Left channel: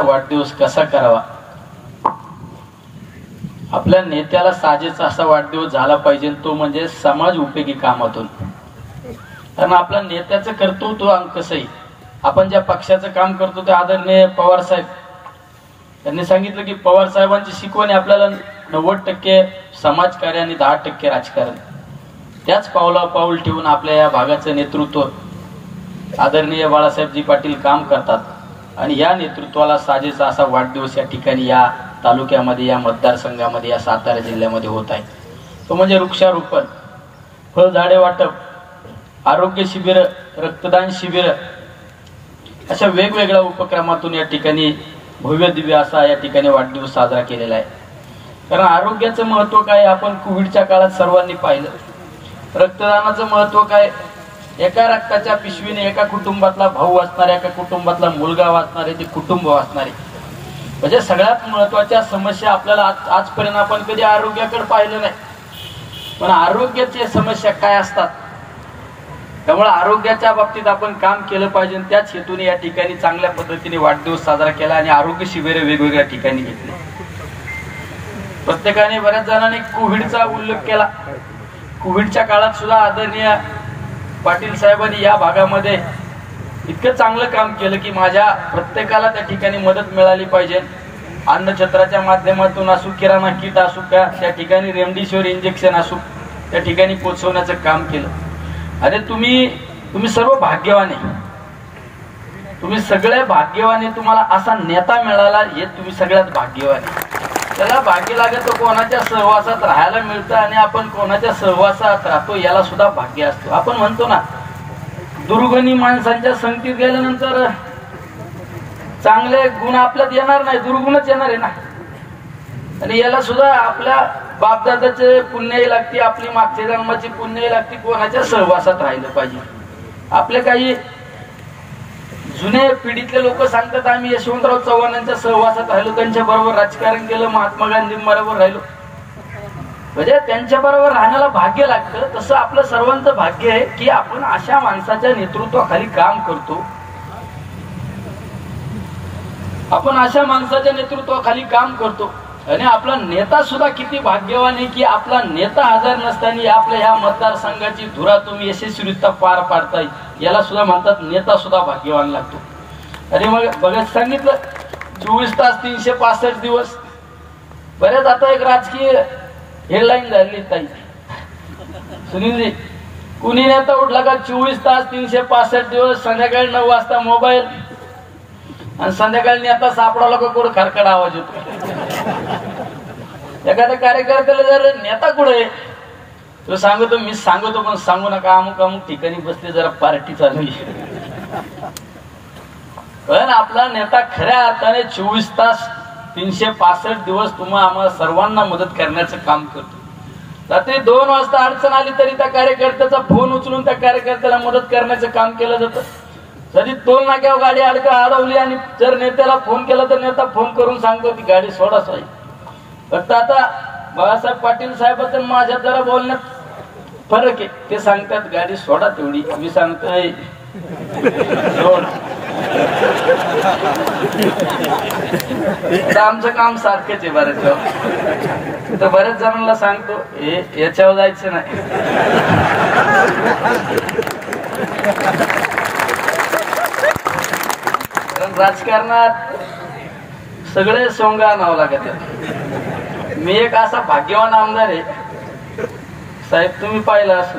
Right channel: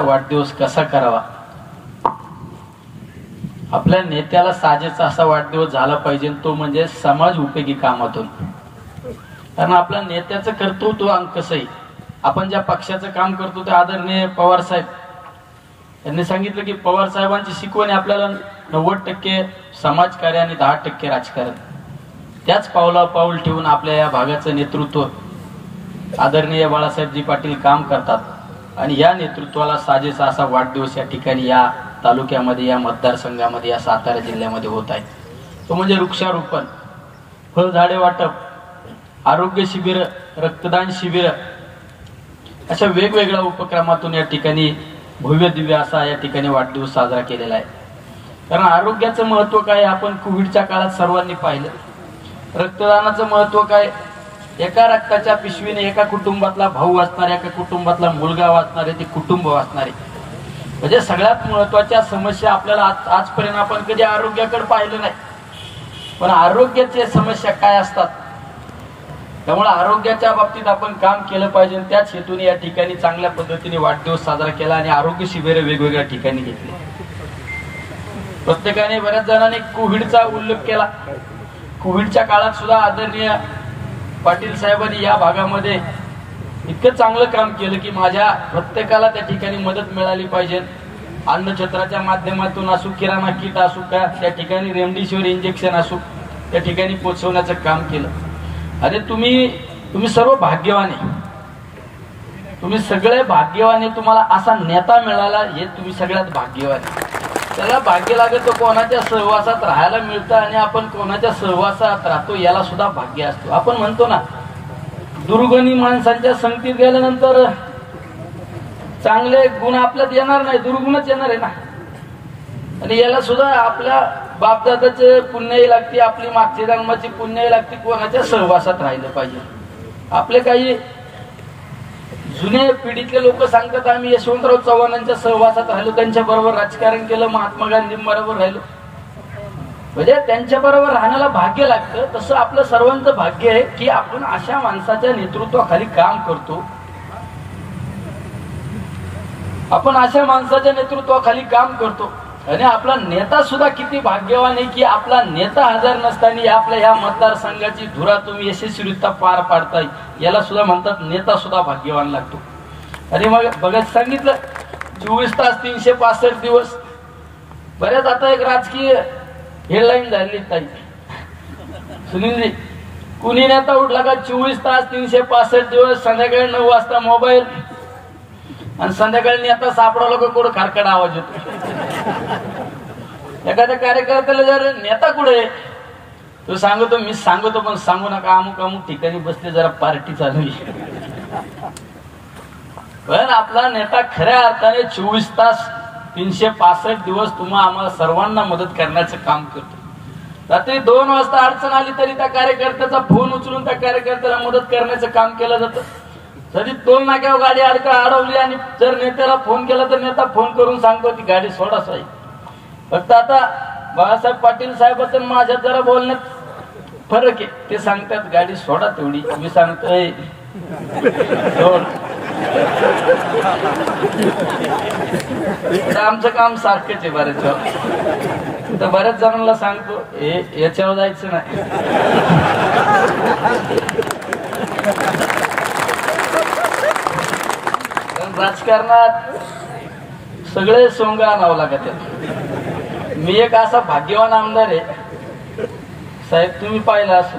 वाढदिवस कसा करावा, आपल्या नेत्याला साजेचा असा वाढदिवस झाला पाहिजे, तो म्हणजे समाज उपयोगी कामातून. कारण आपल्या नेत्याचं कर्तृत्व कसंही, आपण ज्या पक्षाचं काम करतो ते आदरणीय पवार साहेब यांनी सांगितलं की पवार साहेबांची शिकवण आपल्याला 90% समाजकार्य आणि 10% राजकारण. त्याच पावला पाऊल ठेवून आपल्या या भागाचं नेतृत्व आदरणीय बाळासाहेबजी पाटील काम करतात आणि या नेतृत्वाला साजेचा असा वाढदिवस या ठिकाणी या तालुक्यामध्ये, या मतदारसंघामध्ये, या सातारा जिल्ह्यामध्ये होत आहे. तो म्हणजे वृक्षारोपण, फळझाडे वाटप, आरोग्य शिबिर, रक्तदान शिबिर, अशा वेगवेगळ्या उपक्रमातून या ठिकाणी भव्य दिव्य असा या ठिकाणी वाढदिवस साजरा केलेला आहे. कारण आरोग्याचं महत्व काय आपण कोविडच्या काळात सर्वांनी पाहिलं. रक्तदानाचं महत्व काय, एका रक्ताच्या पिशवीने एका कुटुंबातला भाऊ वाचणारे, एका कुटुंबातला मुलगा वाचणारे, ते कुटुंब वाचणारे. म्हणजे सगळ्यात महत्वाच्या समस्या आपल्याला आजपर्यंत आपण कधी आरोग्याकडे पाहिलं नाही, पण आरोग्याच्या समस्या काय असतात, त्यामुळे आरोग्याच्या बाबतीत आपण काम केलं पाहिजे. त्याच हेतूने या ठिकाणी चांगल्या पद्धतीने वाढदिवस साजरा केला आणि आरोग्य शिबिर वेगवेगळ्या ठिकाणी घेतली. प्रत्येकाने, बऱ्याच जणांनी कोविडचा उल्लेख केला. कोविडच्या काळात सुद्धा आदरणीय पाटील साहेबांनी या भागामध्ये इतकं चांगलं काम केलं की माझ्या प्रत्येकाला त्या ठिकाणी मदत मिळाली पाहिजे. अन्नछत्राच्या माध्यमातून असू, किराणा किट असू, का त्या ठिकाणी रेमडेसिवीर इंजेक्शन असू, त्या ठिकाणी पोहोचवण्याचं काम केलं. आणि तुम्ही सर्व भाग्यवान आहे, तुम्ही सगळे भाग्यवान आहे. तुम्हाला असा नेता मिळाला हे तुम्ही सगळ्यात भाग्यवान आहे. त्याला भाग्य लागत तर कोणाच्या सहवासात राहायला मिळतं आणि आपण कोणाच्या सहवासात राहतो याला सुद्धा भाग्य असतो. आपण म्हणतो ना, दुर्गुणी माणसांच्या संगतीत गेल्यानंतर चांगले गुण आपल्यात येणार नाही, दुर्गुणच येणार आहे ना. आणि याला सुद्धा आपल्या बापदादाचे पुण्याही लागते, आपली मागच्या जन्माची पुण्याही लागते. कोणाच्या सहवासात राहिलं पाहिजे. आपले काही जुने पिढीतले लोक सांगतात आम्ही यशवंतराव चव्हाणांच्या सहवासात राहिलो, त्यांच्या बरोबर राजकारण केलं, महात्मा गांधींबरोबर राहिलो. म्हणजे त्यांच्या बरोबर राहण्याला भाग्य लागतं. तसं आपलं सर्वांचं भाग्य आहे की आपण अशा माणसाच्या नेतृत्वाखाली काम करतो. आपण अशा माणसाच्या नेतृत्वाखाली काम करतो आणि आपला नेता सुद्धा किती भाग्यवान आहे की आपला नेता हजर नसताना आपल्या ह्या मतदारसंघाची धुरा तुम्ही यशस्वीरित्या पार पाडताय, याला सुद्धा म्हणतात नेता सुद्धा भाग्यवान लागतो. आणि मग बघत सांगितलं 24 तास 365 दिवस. बरेच आता एक राजकीय हेडलाईन झाली ताई सुनीलजी, कुणी नेता उठला का 24 तास 365 दिवस, संध्याकाळी 9 वाजता मोबाईल आणि संध्याकाळी नेता सापडावला का कोण खरखड आवाज होतो. एखाद्या कार्यकर्त्याला जर नेता कुठे तो सांगतो, मी सांगतो पण सांगू नका, अमुक अमुक ठिकाणी बसले, जरा पार्टी चालू आहे. पण आपला नेता खऱ्या अर्थाने 24 तास 365 दिवस तुम्हा आम्हाला सर्वांना मदत करण्याचं काम करतो. रात्री 2 वाजता अडचण आली तरी त्या कार्यकर्त्याचा फोन उचलून त्या कार्यकर्त्याला मदत करण्याचं काम केलं जातं. जरी टोल नाक्यावर गाडी अडवली आणि जर नेत्याला फोन केला तर नेता फोन करून सांगतो ती गाडी सोडा साहेब. फक्त आता बाळासाहेब पाटील साहेबांचं माझ्यात जरा बोलण्यात फरक आहे. ते सांगतात गाडी सोडा तेवढी, मी सांगतोय सोड. आमचं काम सारखंच आहे बऱ्याच वेळा. तर बऱ्याच जणांना सांगतो याच्यावर जायचं नाही. राजकारणात सगळे सोंग आणावं लागत. मी एक असा भाग्यवान आमदार आहे साहेब, तुम्ही पाहिलं असं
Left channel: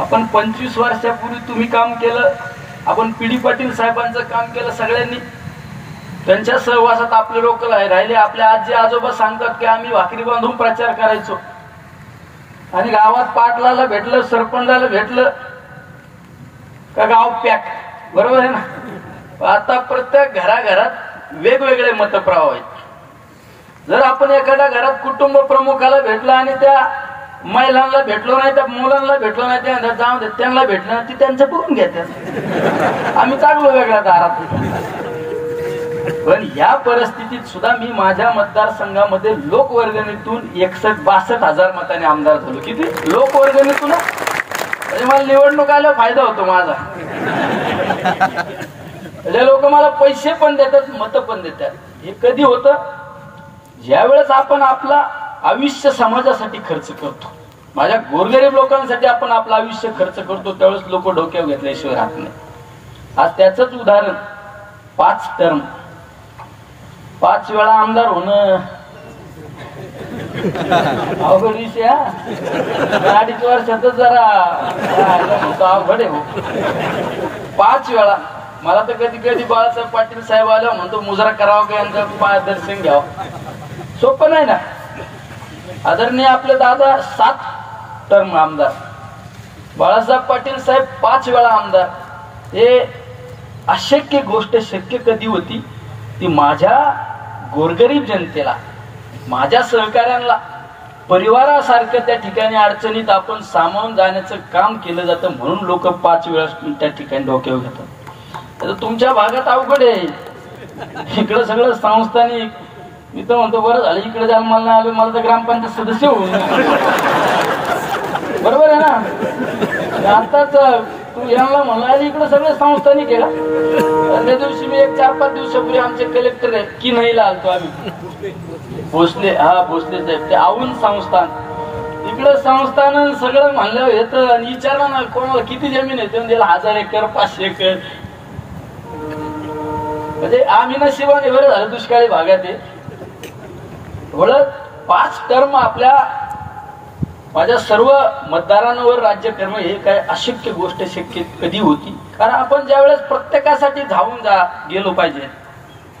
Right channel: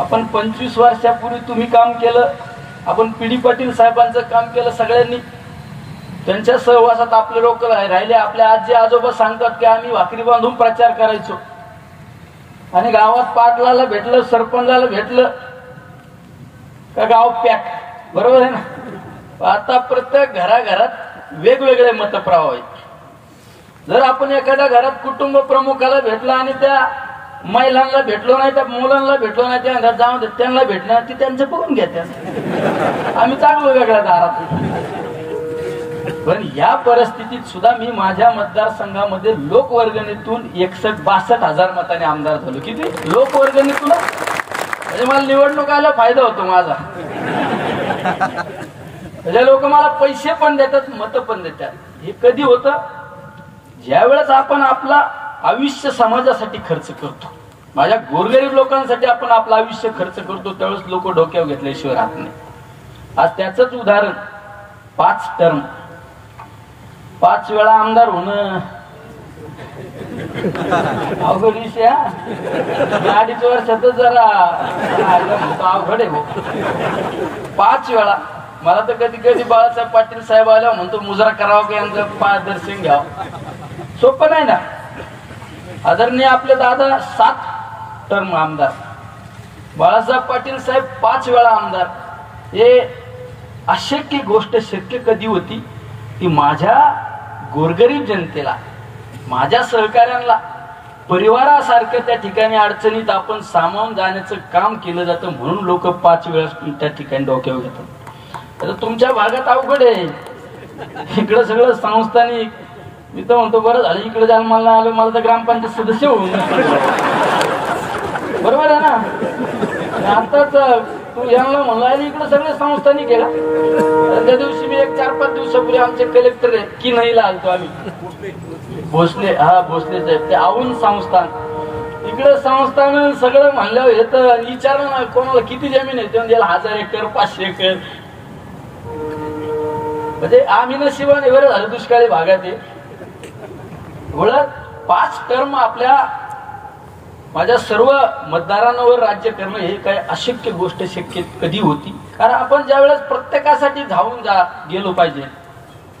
आपण 25 वर्षापूर्वी तुम्ही काम केलं, आपण पीडी पाटील साहेबांचं काम केलं. सगळ्यांनी त्यांच्या सहवासात आपले लोक राहिले. आपल्या आजी आजोबा सांगतात की आम्ही भाकरी बांधून प्रचार करायचो आणि गावात पाटलाला भेटलं, सरपंचाला भेटलं का गाव पॅक, बरोबर आहे ना. आता प्रत्येक घराघरात वेगवेगळे मतप्रवाह आहेत. जर आपण एखाद्या घरात कुटुंब प्रमुखाला भेटला आणि त्या महिलांना भेटलो नाही, त्या मुलांना भेटलो नाही, त्या जाऊ दे त्यांना भेटणार, ती त्यांचं बघून घेतात. आम्ही चांगलो वेगळ्या दारात. पण या परिस्थितीत सुद्धा मी माझ्या मतदारसंघामध्ये लोकवर्गणीतून 61-62 हजार मताने आमदार झालो. किती लोकवर्गणीतून, म्हणजे मला निवडणूक आल्या फायदा होतो माझा. हे लोक मला पैसे पण देतात, मत पण देतात. हे कधी होतं? ज्या वेळेस आपण आपला आयुष्य समाजासाठी खर्च करतो, माझ्या गोरगरीब लोकांसाठी आपण आपलं आयुष्य खर्च करतो, त्यावेळेस लोक डोक्यावर घेतल्याशिवाय राहत नाही. आज त्याच उदाहरण 5 टर्म, 5 वेळा आमदार होणं अवघड विषय. 2.5 वर्षातच जरा अवघड आहे. 5 वेळा. मला तर कधी कधी बाळासाहेब पाटील साहेब आला म्हणतो मुजरा करावा का यांचं दर्शन घ्यावं. सोपं नाही ना. आदरणीय आपले दादा 7 टर्म आमदार, बाळासाहेब पाटील साहेब 5 वेळा आमदार. हे अशक्य गोष्ट शक्य कधी होती? ती माझ्या गोरगरीब जनतेला, माझ्या सहकाऱ्यांना परिवारासारखं त्या ठिकाणी अडचणीत आपण सामावून जाण्याचं काम केलं जातं, म्हणून लोक 5 वेळा त्या ठिकाणी डोक्यावर घेतात. तुमच्या भागात अवघड आहे. इकडं सगळं संस्थानिक. मी तर म्हणतो बरं झालं इकडे जायला मला नाही आलो, मला तर ग्रामपंचायत सदस्य होऊन. बरोबर आहे ना. आताच तू यांना म्हणला इकडे सगळे संस्थानिक आहे का? त्या दिवशी मी 4-5 दिवसापूर्वी आमचे कलेक्टर आहे की नाही आलतो आम्ही भोसले. हा भोसले साहेब, ते औंध संस्थान. इकडे संस्थान सगळं म्हणलं हे तर विचारलं ना कोणाला किती जमीन आहे, म्हणजे 1000 एकर 500 एकर. म्हणजे आम्ही नशिबाने बरं झालं दुष्काळी भागात आहे. 5 टर्म आपल्या माझ्या सर्व मतदारांवर राज्य करणं हे काय अशक्य गोष्ट शक्य कधी होती? कारण आपण ज्या वेळेस प्रत्येकासाठी धावून गेलो पाहिजे,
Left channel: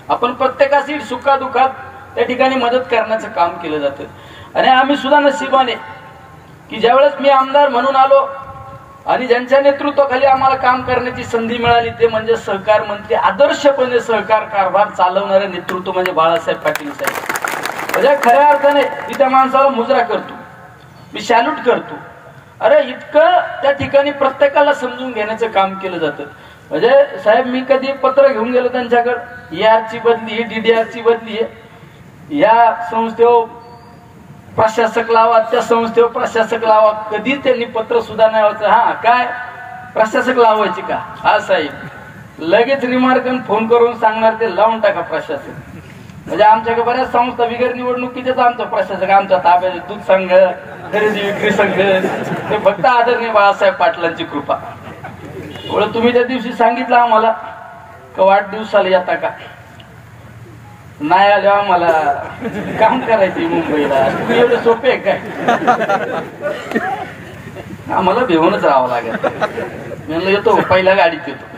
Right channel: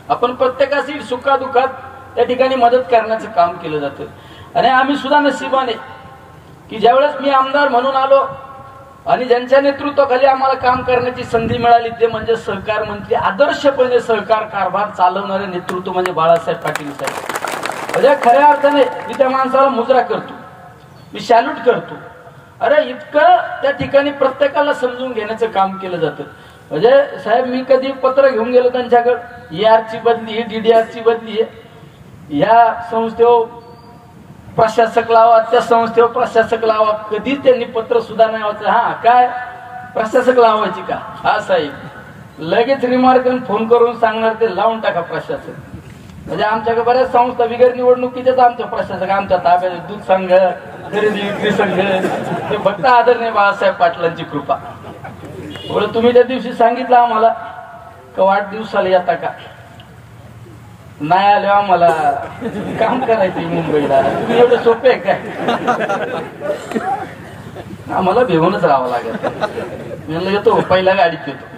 आपण प्रत्येकाशी सुखादुखात त्या ठिकाणी मदत करण्याचं काम केलं जातं. आणि आम्ही सुद्धा नशिबाने की ज्यावेळेस मी आमदार म्हणून आलो आणि ज्यांच्या नेतृत्वाखाली आम्हाला काम करण्याची संधी मिळाली ते म्हणजे सहकार मंत्री, आदर्शपणे सहकार कारभार चालवणारे नेतृत्व म्हणजे बाळासाहेब पाटील साहेब. म्हणजे खऱ्या अर्थाने मी त्या माणसाला मुजरा करतो, मी सॅल्यूट करतो. अरे इतकं त्या ठिकाणी प्रत्येकाला समजून घेण्याचं काम केलं जातं. म्हणजे साहेब मी कधी पत्र घेऊन गेलो त्यांच्याकडे, ERची बदली आहे, DDRची बदली आहे, या संस्थेवर प्रशासक लावा, त्या संस्थेवर प्रशासक लावा. कधी त्यांनी पत्र सुद्धा नाही वाचलं. हा काय प्रशासक लावायची का? हा साहेब लगेच रिमार्क फोन करून सांगणार ते लावून टाका प्रशासक. म्हणजे आमच्याकडे बऱ्याच संस्था बिगर निवडणुकीचेच आमचा प्रशासक आमच्या ताब्यात, दूध संघ, खरेदी विक्री संघ. ते फक्त आदरणीय बाळासाहेब पाटलांची कृपा. एवढं तुम्ही त्या दिवशी सांगितलं आम्हाला का वाढदिवसाला येता का? नाही आलो आम्हाला काम करायचे मुंबईला. तुम्ही एवढे सोपे आहे काय? आम्हाला भेऊनच राहावं लागेल. म्हणलं येतो पहिल्या गाडीत येतो.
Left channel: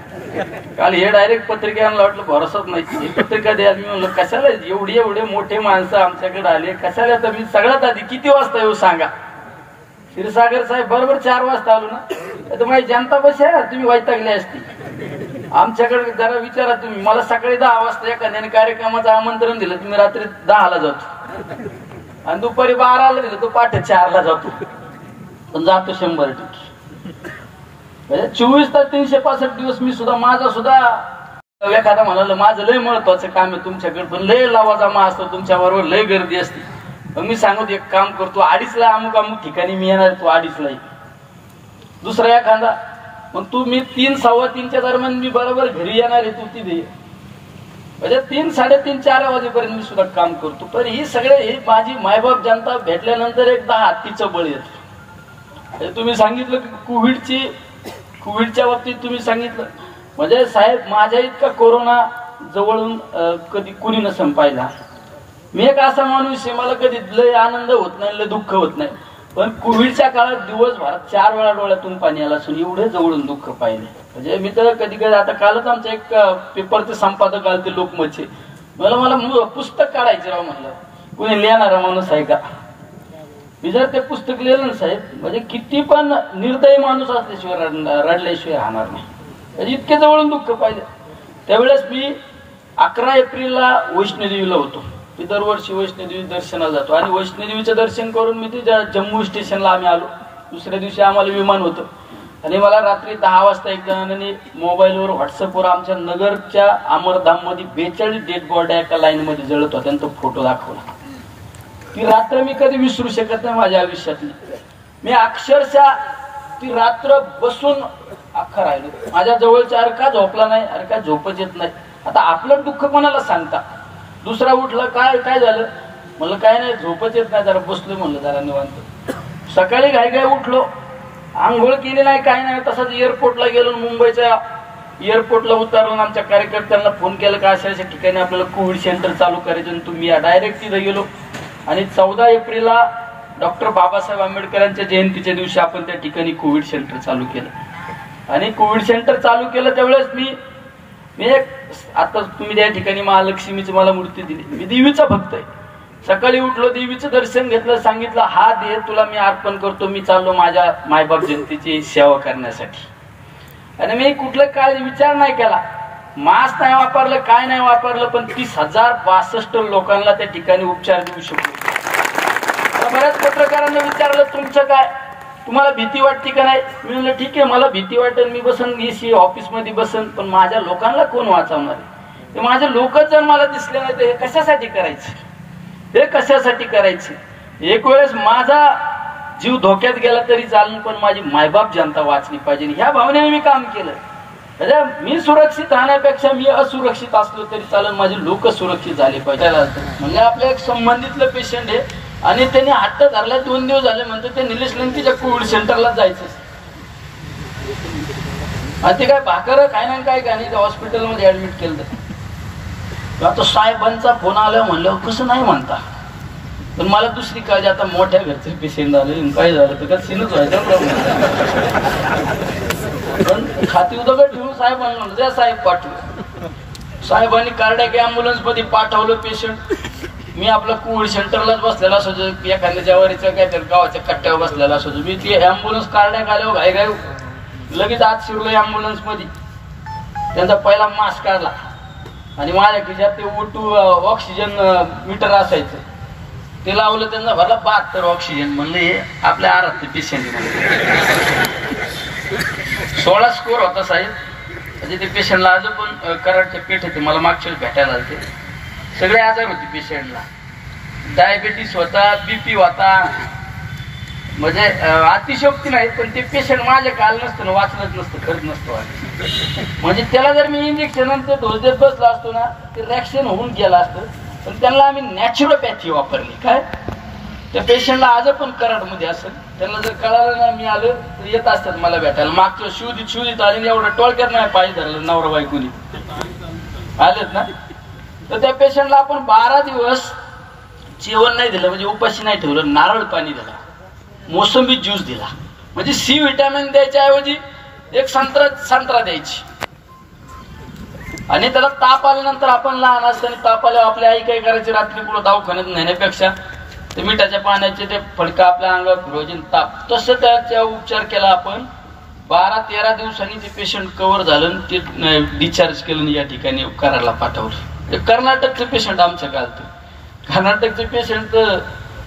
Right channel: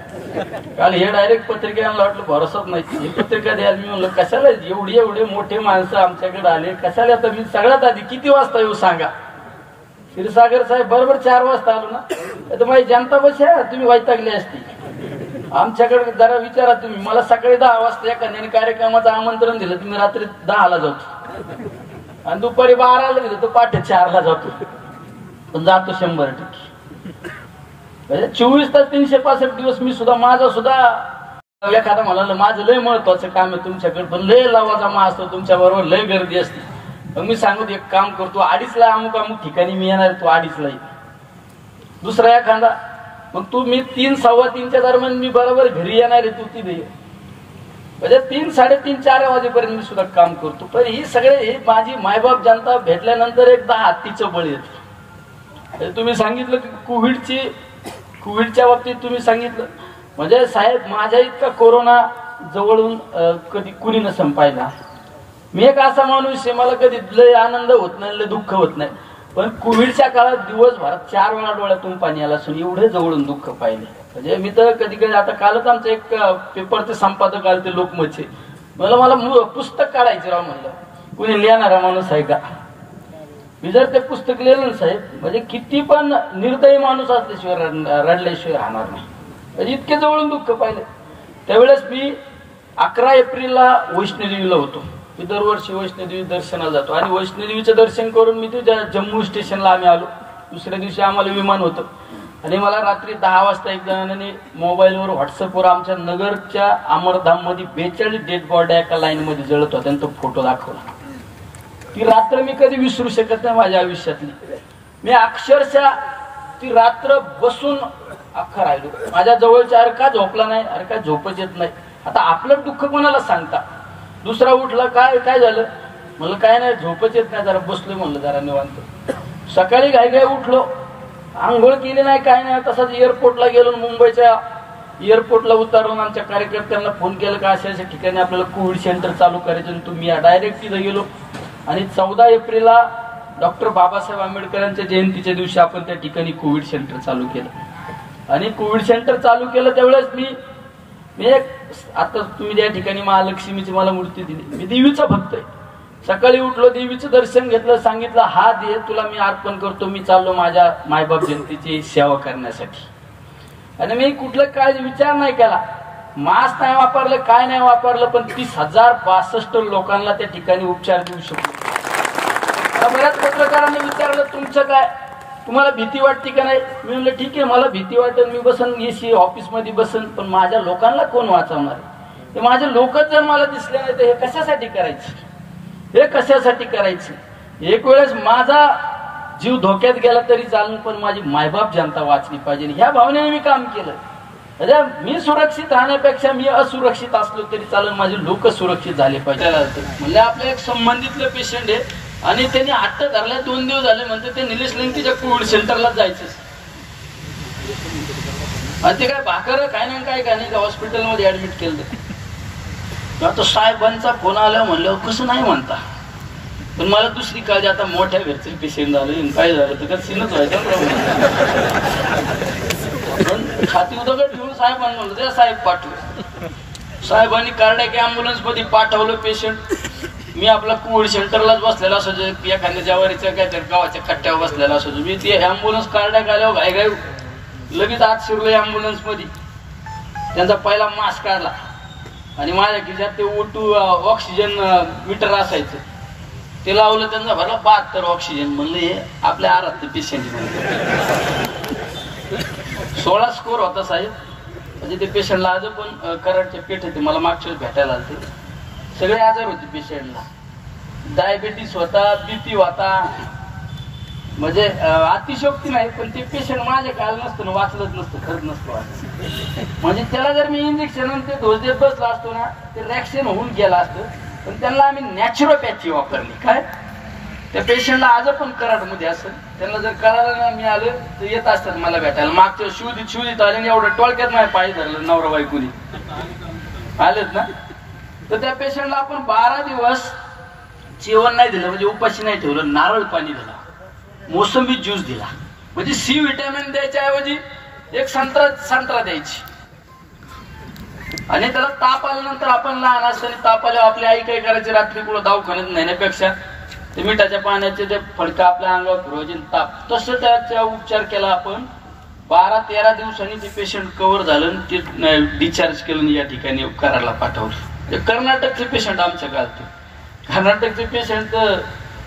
काल हे डायरेक्ट पत्रिकेला वाटलं भरोसाच नाही. ही पत्रिका द्यायला मी म्हणलं कशाला एवढे मोठे माणसं आमच्याकडे आले कशाला? तर मी सगळ्यात आधी किती वाजता येऊ सांगा. क्षीरसागर साहेब बरोबर 4 वाजता आलो ना. तर माझी जनता बस आहे, तुम्ही वैतागली असती. आमच्याकडे जरा विचारा तुम्ही. मला सकाळी 10 वाजता एखाद्याने कार्यक्रमाचं आमंत्रण दिलं, तुम्ही रात्री 10ला जातो आणि दुपारी 12ला दिलं तो पहाटे 4ला जातो. पण जातो 100%. म्हणजे 24 तास 365 दिवस मी सुद्धा माझा सुद्धा एखादा म्हणाल माझं लय महत्वाचं काम आहे तुमच्याकडे, पण लय लावाजमा असतो तुमच्या बरोबर, लय गर्दी असते. मग मी सांगतो एक काम करतो, 2:30ला अमुक ठिकाणी मी येणार, तू 2:30ला ये. दुसरा एखादा मग तू मी 3, 3:15च्या दरम्यान मी बरोबर घरी येणार आहे, तू तिथे. म्हणजे 3, 3:30, 4 वाजेपर्यंत मी सुद्धा काम करतो. पण ही सगळे ही माझी मायबाप जनता भेटल्यानंतर एकदा हत्तीचं बळी येते. तुम्ही सांगितलं की कोविडच्या बाबतीत तुम्ही सांगितलं, म्हणजे साहेब माझ्या इतका कोरोना जवळून कधी कुणी न संपायला. मी एक असा माणूस आहे, मला कधी लय आनंद होत नाही, लय दुःख होत नाही. पण कोविडच्या काळात दिवसभरात 4 वेळा डोळ्यातून पाणी आलं असून एवढे जवळून दुःख पाहिले. म्हणजे मी तर कधी कधी, आता कालच आमचं एक पेपरचे संपादक आले ते लोकमतचे, मला पुस्तक काढायचे राव. म्हणलं कुणी लिहिणारा माणूस आहे का? मी जर ते पुस्तक लिहिलं ना साहेब, म्हणजे किती पण निर्दयी माणूस असल्याशिवाय रडल्याशिवाय राहणार नाही. म्हणजे इतके जवळून दुःख पाहिले. त्यावेळेस मी 11 एप्रिलला वैष्णोदेवीला होतो. मी दरवर्षी वैष्णोदेवी दर्शनाला जातो आणि वैष्णोदेवीचं दर्शन करून मी ते जम्मू स्टेशनला आम्ही आलो. दुसऱ्या दिवशी आम्हाला विमान होतं आणि मला रात्री 10 वाजता एक जणांनी मोबाईलवर व्हॉट्सअपवर आमच्या नगरच्या अमरधाम मध्ये 42 डेड बॉड्या एका लाईन मध्ये जळत होत्या आणि तो फोटो दाखवला. ती रात्र मी कधी विसरू शकत नाही माझ्या आयुष्यातली. मी अक्षरशः ती रात्र बसून अख्खा राहिलो. माझ्या जवळच्या अरे का झोपला नाही, अरे का झोपच येत नाही. आता आपलं दुःख कोणाला सांगता. दुसरा उठला, काय काय झालं म्हणलं, काय नाही झोपच येत नाही, जरा बसलोय म्हणलं जरा निवांत. सकाळी घाई घाई उठलो, आंघोळ केली नाही काय नाही, तसाच एअरपोर्टला गेलो. मुंबईच्या एअरपोर्टला उतरलो, आमच्या कार्यकर्त्यांना फोन केला का अशा अशा ठिकाणी आपल्याला कोविड सेंटर चालू करायचं, तुम्ही या. डायरेक्ट तिथं गेलो आणि 14 एप्रिलला डॉक्टर बाबासाहेब आंबेडकरांच्या जयंतीच्या दिवशी आपण त्या ठिकाणी कोविड सेंटर चालू केलं. आणि कोविड सेंटर चालू केलं त्यावेळेस मी एक, आता तुम्ही त्या ठिकाणी महालक्ष्मीची मला मूर्ती दिली, मी देवीचा भक्त आहे. सकाळी उठलो, देवीचं दर्शन घेतलं, सांगितलं हा दे तुला मी अर्पण करतो, मी चाललो माझ्या मायबाप जयंतीची सेवा करण्यासाठी. आणि मी कुठलं काय विचार नाही केला, मास्क नाही वापरलं, काय नाही वापरलं, पण 30,062 लोकांना त्या ठिकाणी उपचार देऊ शकलो. बऱ्याच पत्रकारांना विचारलं तुमचं काय, तुम्हाला भीती वाटते का नाही. मी म्हणलं ठीक आहे, मला भीती वाटेल, मी बसन एसी ऑफिसमध्ये बसन, पण माझ्या लोकांना कोण वाचवणार आहे. माझे लोकच जर मला दिसले नाही तर हे कशासाठी करायचे, हे कशासाठी करायचे. एक वेळेस माझा जीव धोक्यात गेला तरी चालेल, पण माझी मायबाप जनता वाचली पाहिजे, ह्या भावनेने मी काम केलं. म्हणजे मी सुरक्षित राहण्यापेक्षा मी असुरक्षित असलो तरी चालेल, माझे लोक सुरक्षित झाले पाहिजे. म्हणजे आपल्या एक संबंधितलं पेशंट आहे आणि त्यांनी हट्ट धरला, 2 दिवस झाले म्हणतो ते निलेश लंकेच्या कोविड सेंटरला जायचं. आणि ते काय भाकर काय नाही काय नाही हॉस्पिटलमध्ये ऍडमिट केलं. आता साहेबांचा फोन आला म्हणलं कसं नाही म्हणता, पण मला दुसरी काळजी, आता मोठ्या घरचे पेशंट झाले, काय झालं तर का सीनच व्हायचा प्रॉब्लेम. पण छाती उदगड ठेवून साहेबांनी म्हणलं त्या साहेब पाठवलं. साहेबांनी कार्डियाक अँब्युलन्स मध्ये पाठवलं पेशंट. मी आपला कोविड सेंटरलाच बसलेला असो, एखाद्या जवारीच्या काहीतरी गावाच्या कट्ट्यावर बसलेला असो, मी ती अँब्युलन्स कार्डियाक आल्यावर घाई घाई लगेच आत शिरलो अँब्युलन्स मध्ये. त्यांचा पहिला मास्क काढला आणि माझ्या खिशात ते O2 ऑक्सिजन मीटर असायचं, ते लावलं, त्यांना भरला 72 ऑक्सिजन. म्हणलं हे आपल्या आरात पेशंट. 16 स्कोर होता साहेब. म्हणजे ते पेशंटला आज पण कराडचं पेठ होते, मला मागच्या वेळेस भेटायला आले. सगळे आजार होते पेशंटला, डायबेटीस होता, बीपी होता, म्हणजे अतिशोक्ती नाही, पण ते पेशंट माझ्या काल नसतं, वाचलंच नसतं, खरंच नसतं. म्हणजे त्याला जर मी इंजेक्शन ते डोस देत बसला असतो ना, ते रिॲक्शन होऊन गेला असतं. पण त्यांना आम्ही नॅचरोपॅथी वापरली. काय त्या पेशंटला आज पण कराडमध्ये असेल, त्यांना जर कळालं ना मी आलं तर येत असतात मला भेटायला. मागच्या शोधित आले, एवढं टोळक्यात नाही पाय धरलं नवरा बायकोनी आलेत ना. तर त्या पेशंटला आपण 12 दिवस जेवण नाही दिलं, म्हणजे उपाशी नाही ठेवलं, नारळ पाणी दिलं, मोसंबी ज्यूस दिला. म्हणजे C विटॅमिन द्यायच्या ऐवजी एक संत्रा द्यायची. आणि त्याला ताप आल्यानंतर आपण लहान असताना ताप आल्यावर आपली आई काय करायची, रात्री पुढे दवाखान्यात नेण्यापेक्षा ते मिठाच्या पाण्याचे ते फडकं आपल्या अंगावर फिरवायचे, ताप. तसं त्याचा उपचार केला आपण. 12-13 दिवसांनी ते पेशंट कव्हर झालं, ते डिस्चार्ज केलं, या ठिकाणी कराडला पाठवलं. कर्नाटकचे पेशंट आमच्या गालते. कर्नाटकचे पेशंट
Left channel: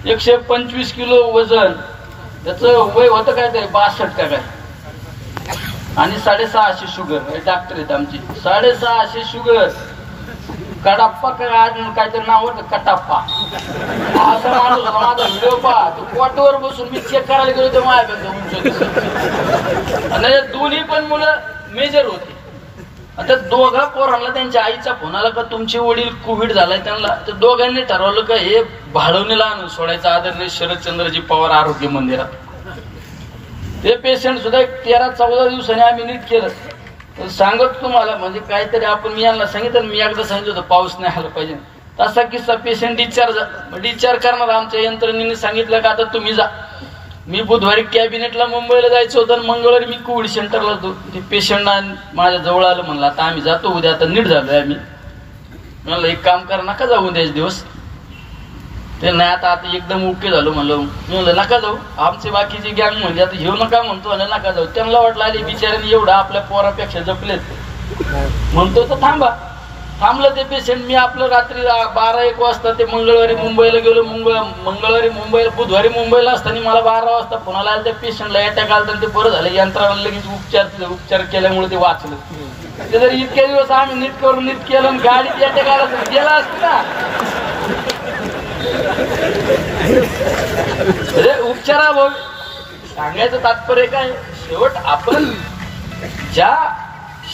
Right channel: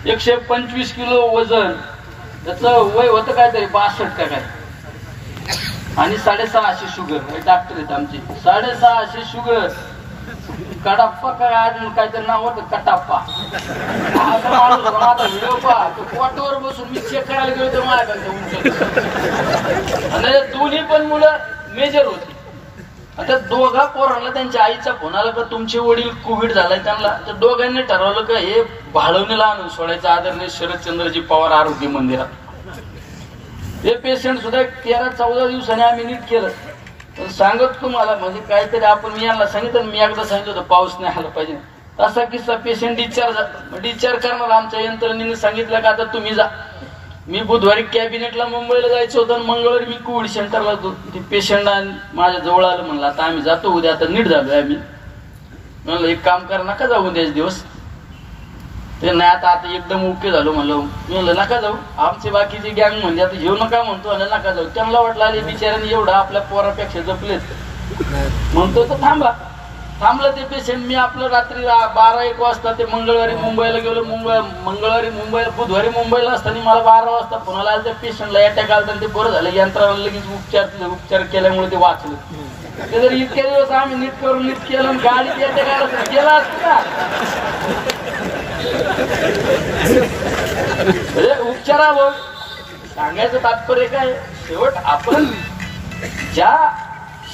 125 किलो वजन, त्याचं वय होतं काहीतरी 62 का काय, आणि 650 शुगर. डॉक्टर आहेत आमची. 650 शुगर, कडाप्पा काहीतरी नाव होतं, कटाप्पा असा माणूस होता. माझा व्हिडिओ पहा, तो पोटवर बसून मी चेक करायला गेलो तर माझ्या दोन्ही पण मुलं मेजर होती. आता दोघा पोरांना त्यांच्या आईचा फोन आला का तुमचे वडील कोविड झालाय त्यांना. तर दोघांनी ठरवलं का हे भाळवणीला आणून सोडायचं आदरणीय शरदचंद्रजी पवार आरोग्य मंदिरात. ते पेशंट सुद्धा 13-14 दिवसांनी आम्ही नीट केलं. सांगत तुम्हाला म्हणजे काहीतरी आपण मी यांना सांगितलं, मी एकदा सांगितलं होतं पाऊस नाही आला पाहिजे, तसा किस्सा. पेशंट डिस्चार्ज करणार आमच्या यंत्रणेने सांगितलं का आता तुम्ही जा. मी बुधवारी कॅबिनेटला मुंबईला जायचं होतं आणि मंगळवारी मी कोविड सेंटरला होतो. ते पेशंट माझ्या जवळ आलं, म्हणलं आता आम्ही जातो उद्या, आता नीट झालोय आम्ही. म्हणलं एक काम करा, नका जाऊ उद्याच दिवस. ते नाही आता एकदम ओके झालो म्हणलं. म्हणलं नका जाऊ, आमचे बाकीची गँग म्हणजे आता घेऊ नका म्हणतो, नका जाऊ. त्यांना वाटलं आले बिचाऱ्याने एवढा आपल्या पोरापेक्षा जपलेत, म्हणतो तर थांबा. थांबलं ते पेशंट. मी आपलं रात्री 12-1 वाजता ते मंगळवारी मुंबईला गेलो. बुधवारी मुंबईला असताना मला 12 वाजता फोनाला आला, त्या पेशंटला अटॅक आला. ते बरं झालं, यंत्राला लगेच उपचार केल्यामुळे ते वाचलं. ते जर इतके दिवस आम्ही नीट करून नीट केलं आणि गाडीत अटॅक आला तर गेला असतं ना. उपचारावर सांगायचं तात्पर्य काय, शेवट आपण ज्या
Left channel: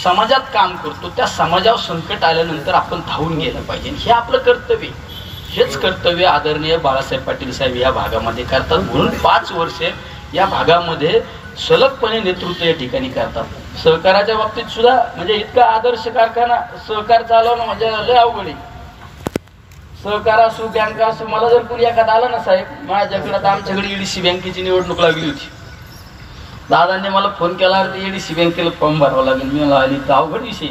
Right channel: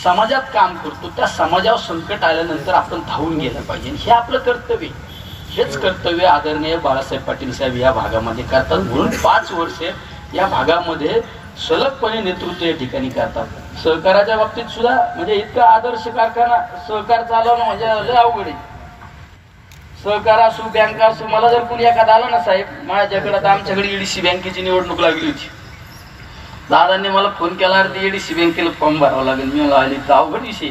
समाजात काम करतो त्या समाजावर संकट आल्यानंतर आपण धावून गेलं पाहिजे, हे आपलं कर्तव्य. हेच कर्तव्य आदरणीय बाळासाहेब पाटील साहेब या भागामध्ये करतात. म्हणून 5 वर्षे या भागामध्ये सलगपणे नेतृत्व या ठिकाणी करतात. सहकाराच्या बाबतीत सुद्धा म्हणजे इतका आदर्श कारखाना सहकार चालवणं म्हणजे लय अवघड आहे. सहकार असू बँक असू, मला जर कोणी एखादा आला ना साहेब माझ्याकडे, तर आमच्याकडे ईडीसी बँकेची निवडणूक लागली होती. दादांनी मला फोन केला, अरे ईडीसी बँकेला फॉर्म भरावा लागेल. मी आली तर अवघड विषय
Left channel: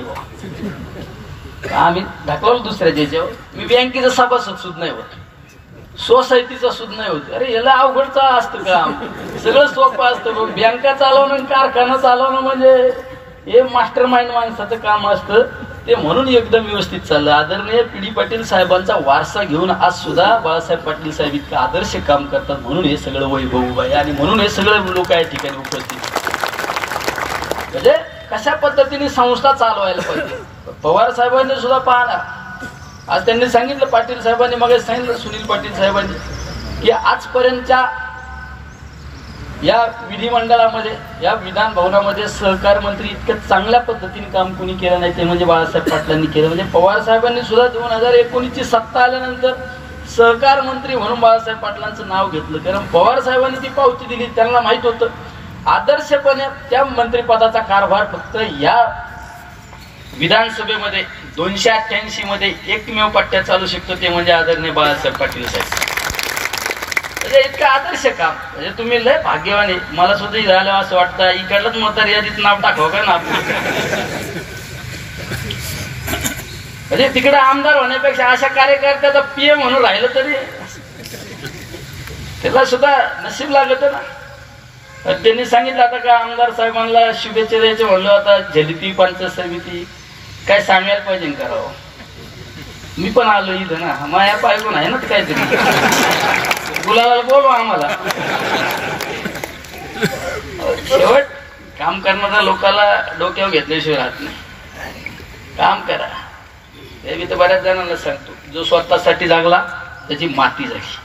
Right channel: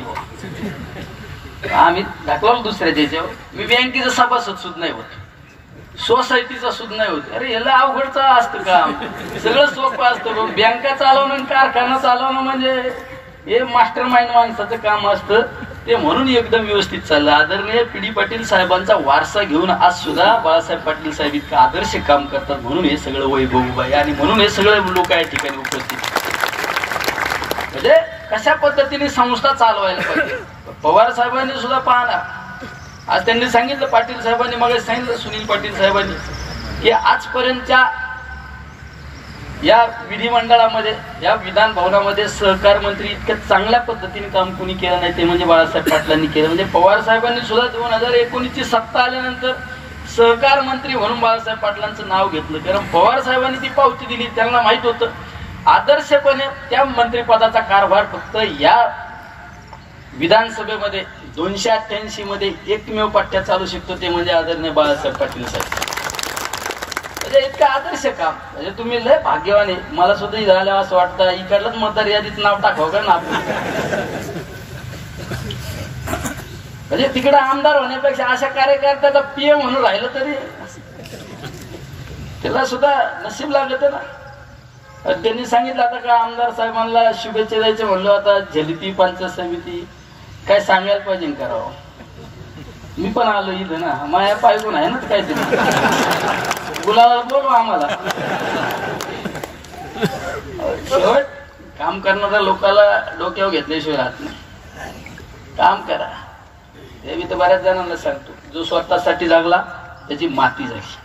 आम्ही ढकललो दुसऱ्या देशावर. मी बँकेचा सभासद सुद्धा नाही होत, सोसायटीचा सुद्धा नाही होत. अरे याला अवघडच असतं काम, सगळं सोपं असतं. बँका चालवणं कारखाना चालवणं म्हणजे हे मास्टर माइंड माणसाचं काम असतं ते. म्हणून एकदम व्यवस्थित चाललं. आदरणीय पी.डी. पाटील साहेबांचा वारसा घेऊन आज सुद्धा बाळासाहेब पाटील साहेब इतकं आदर्श काम करतात. म्हणून हे सगळं वैभव उभा आहे आणि म्हणून हे सगळे लोक या ठिकाणी उपस्थित. म्हणजे कशा पद्धतीने संस्था चालवायला पाहिजे. पवार साहेबांनी सुद्धा पाहणार. आज त्यांनी सांगितलं, पाटील साहेबांनी मग सांगितलं, सुनील पाटील साहेबांनी, की आजपर्यंतच्या या विधिमंडळामध्ये, या विधान भवनामध्ये सहकार मंत्री इतक्या चांगल्या पद्धतीने काम कोणी केलं नाही ते म्हणजे बाळासाहेब पाटलांनी केलं. म्हणजे पवार साहेबांनी सुद्धा 2019ची सत्ता आल्यानंतर सहकार मंत्री म्हणून बाळासाहेब पाटलांचं नाव घेतलं. कारण पवार साहेबांनी ती पावती दिली. त्यांना माहित होतं आदर्शपणे त्या मंत्रिपदाचा कारभार फक्त या विधानसभेमध्ये 288 मध्ये एकमेव पट्ट्या चालू शकतो ते म्हणजे आदरणीय बाळासाहेब पाटील साहेब. म्हणजे इतकं आदर्श काम. म्हणजे तुम्ही लय भाग्यवान आहे. मला सुद्धा झालं असं वाटतं इकडलंच मतदार यादीत नाव टाकावं का ना. म्हणजे तिकडे आमदार होण्यापेक्षा अशा कार्यकर्त्याचा पीएम म्हणून राहिलं तरी त्याला सुद्धा नशीब लागत ना. त्यांनी सांगितलं आता का आमदार साहेबांना शुभेच्छा द्यायचे म्हणलो, आता झलिती पंचायत समिती काय सांगायला पाहिजे करावं. मी पण आलो इथं ना, माया पायगून आहे ना ते काहीतरी गुलाला बोलवा आम्हाला. शेवट काम करणाऱ्या लोकांना डोक्यावर घेतल्याशिवाय राहत नाही. काम करा. ते मी तर बऱ्याच जणांना सांगतो, जो स्वतःसाठी जागला त्याची माती जागी,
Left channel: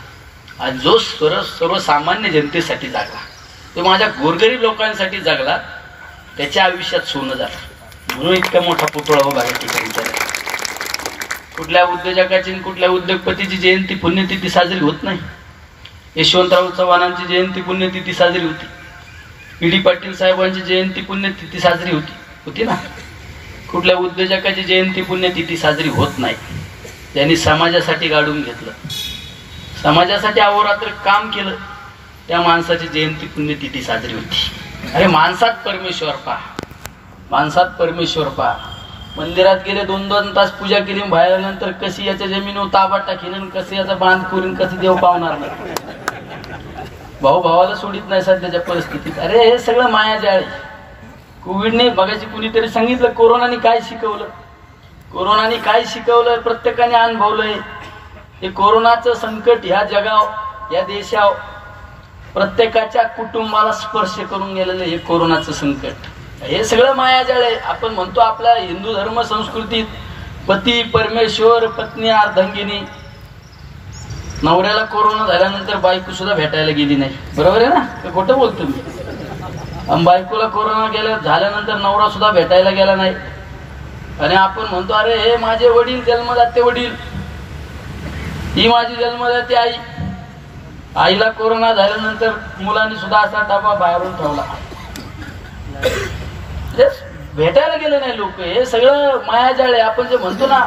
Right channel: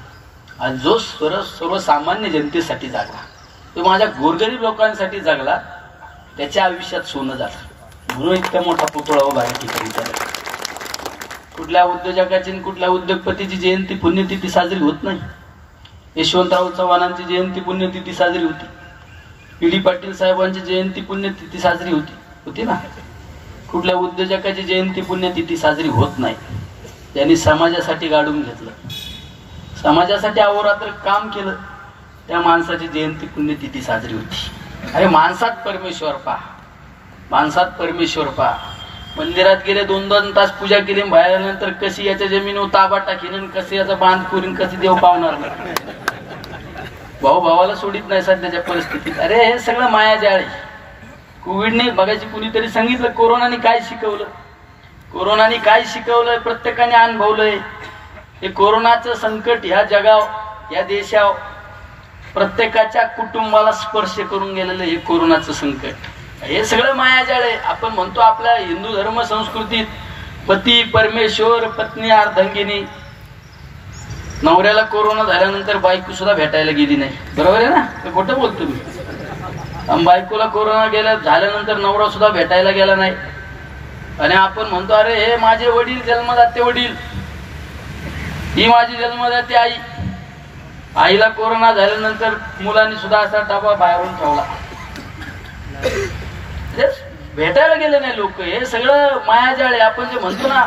आणि जो सर्वसामान्य जनतेसाठी जागला, तो माझ्या गोरगरीब लोकांसाठी जगला, त्याच्या आयुष्यात सोनं झालं. म्हणून इतका मोठा पुतळा उभा या ठिकाणी झाला. कुठल्या उद्योजकाची कुठल्या उद्योगपतीची जयंती पुण्यतिथी साजरी होत नाही. यशवंतराव चव्हाणांची जयंती पुण्यतिथी साजरी होती. पी.डी. पाटील साहेबांची जयंती पुण्यतिथी साजरी होती ना. कुठल्या उद्योजकाची जयंती पुण्यतिथी साजरी होत नाही. त्यांनी समाजासाठी गाडून घेतलं, समाजासाठी अहोरात्र काम केलं, त्या माणसाची जयंती पुण्यतिथी साजरी होती. अरे माणसात परमेश्वर पहा, माणसात परमेश्वर पहा. मंदिरात गेले 2-2 तास पूजा केली, बाहेर नंतर कशी याच्या जमिनीवर ताबा टाकीन, कशी याचा बांध करून कसे देव पावणार नाही. भाऊ भावाला सोडित नाही सध्याच्या परिस्थितीत. अरे हे सगळं मायाजाळ आहे. कोविडने बघायची कुणीतरी सांगितलं कोरोनाने काय शिकवलं. कोरोनाने काय शिकवलंय प्रत्येकाने अनुभवलंय. हे कोरोनाचं संकट ह्या जगाव या देशाव प्रत्येकाच्या कुटुंबाला स्पर्श करून गेलेलं हे कोरोनाचं संकट. हे सगळं मायाजाळ आहे. आपण म्हणतो आपल्या हिंदू धर्म संस्कृतीत पती परमेश्वर पत्नी अर्धांगिनी. नवऱ्याला कोरोना झाल्यानंतर बायको सुद्धा भेटायला गेली नाही. बरोबर आहे ना, ते खोटं बोलतो मी. बायकोला कोरोना झाल्यानंतर नवरा सुद्धा भेटायला गेला नाही. आणि आपण म्हणतो अरे हे माझे वडील जन्मदाते वडील, ही माझी जन्मदाते आई. आईला कोरोना झाल्यानंतर मुलांनी सुद्धा असा डबा बाहेरून ठेवला. भेटायला गेले नाही लोक. हे सगळं मायाजाळ आहे. आपण जे म्हणतो ना,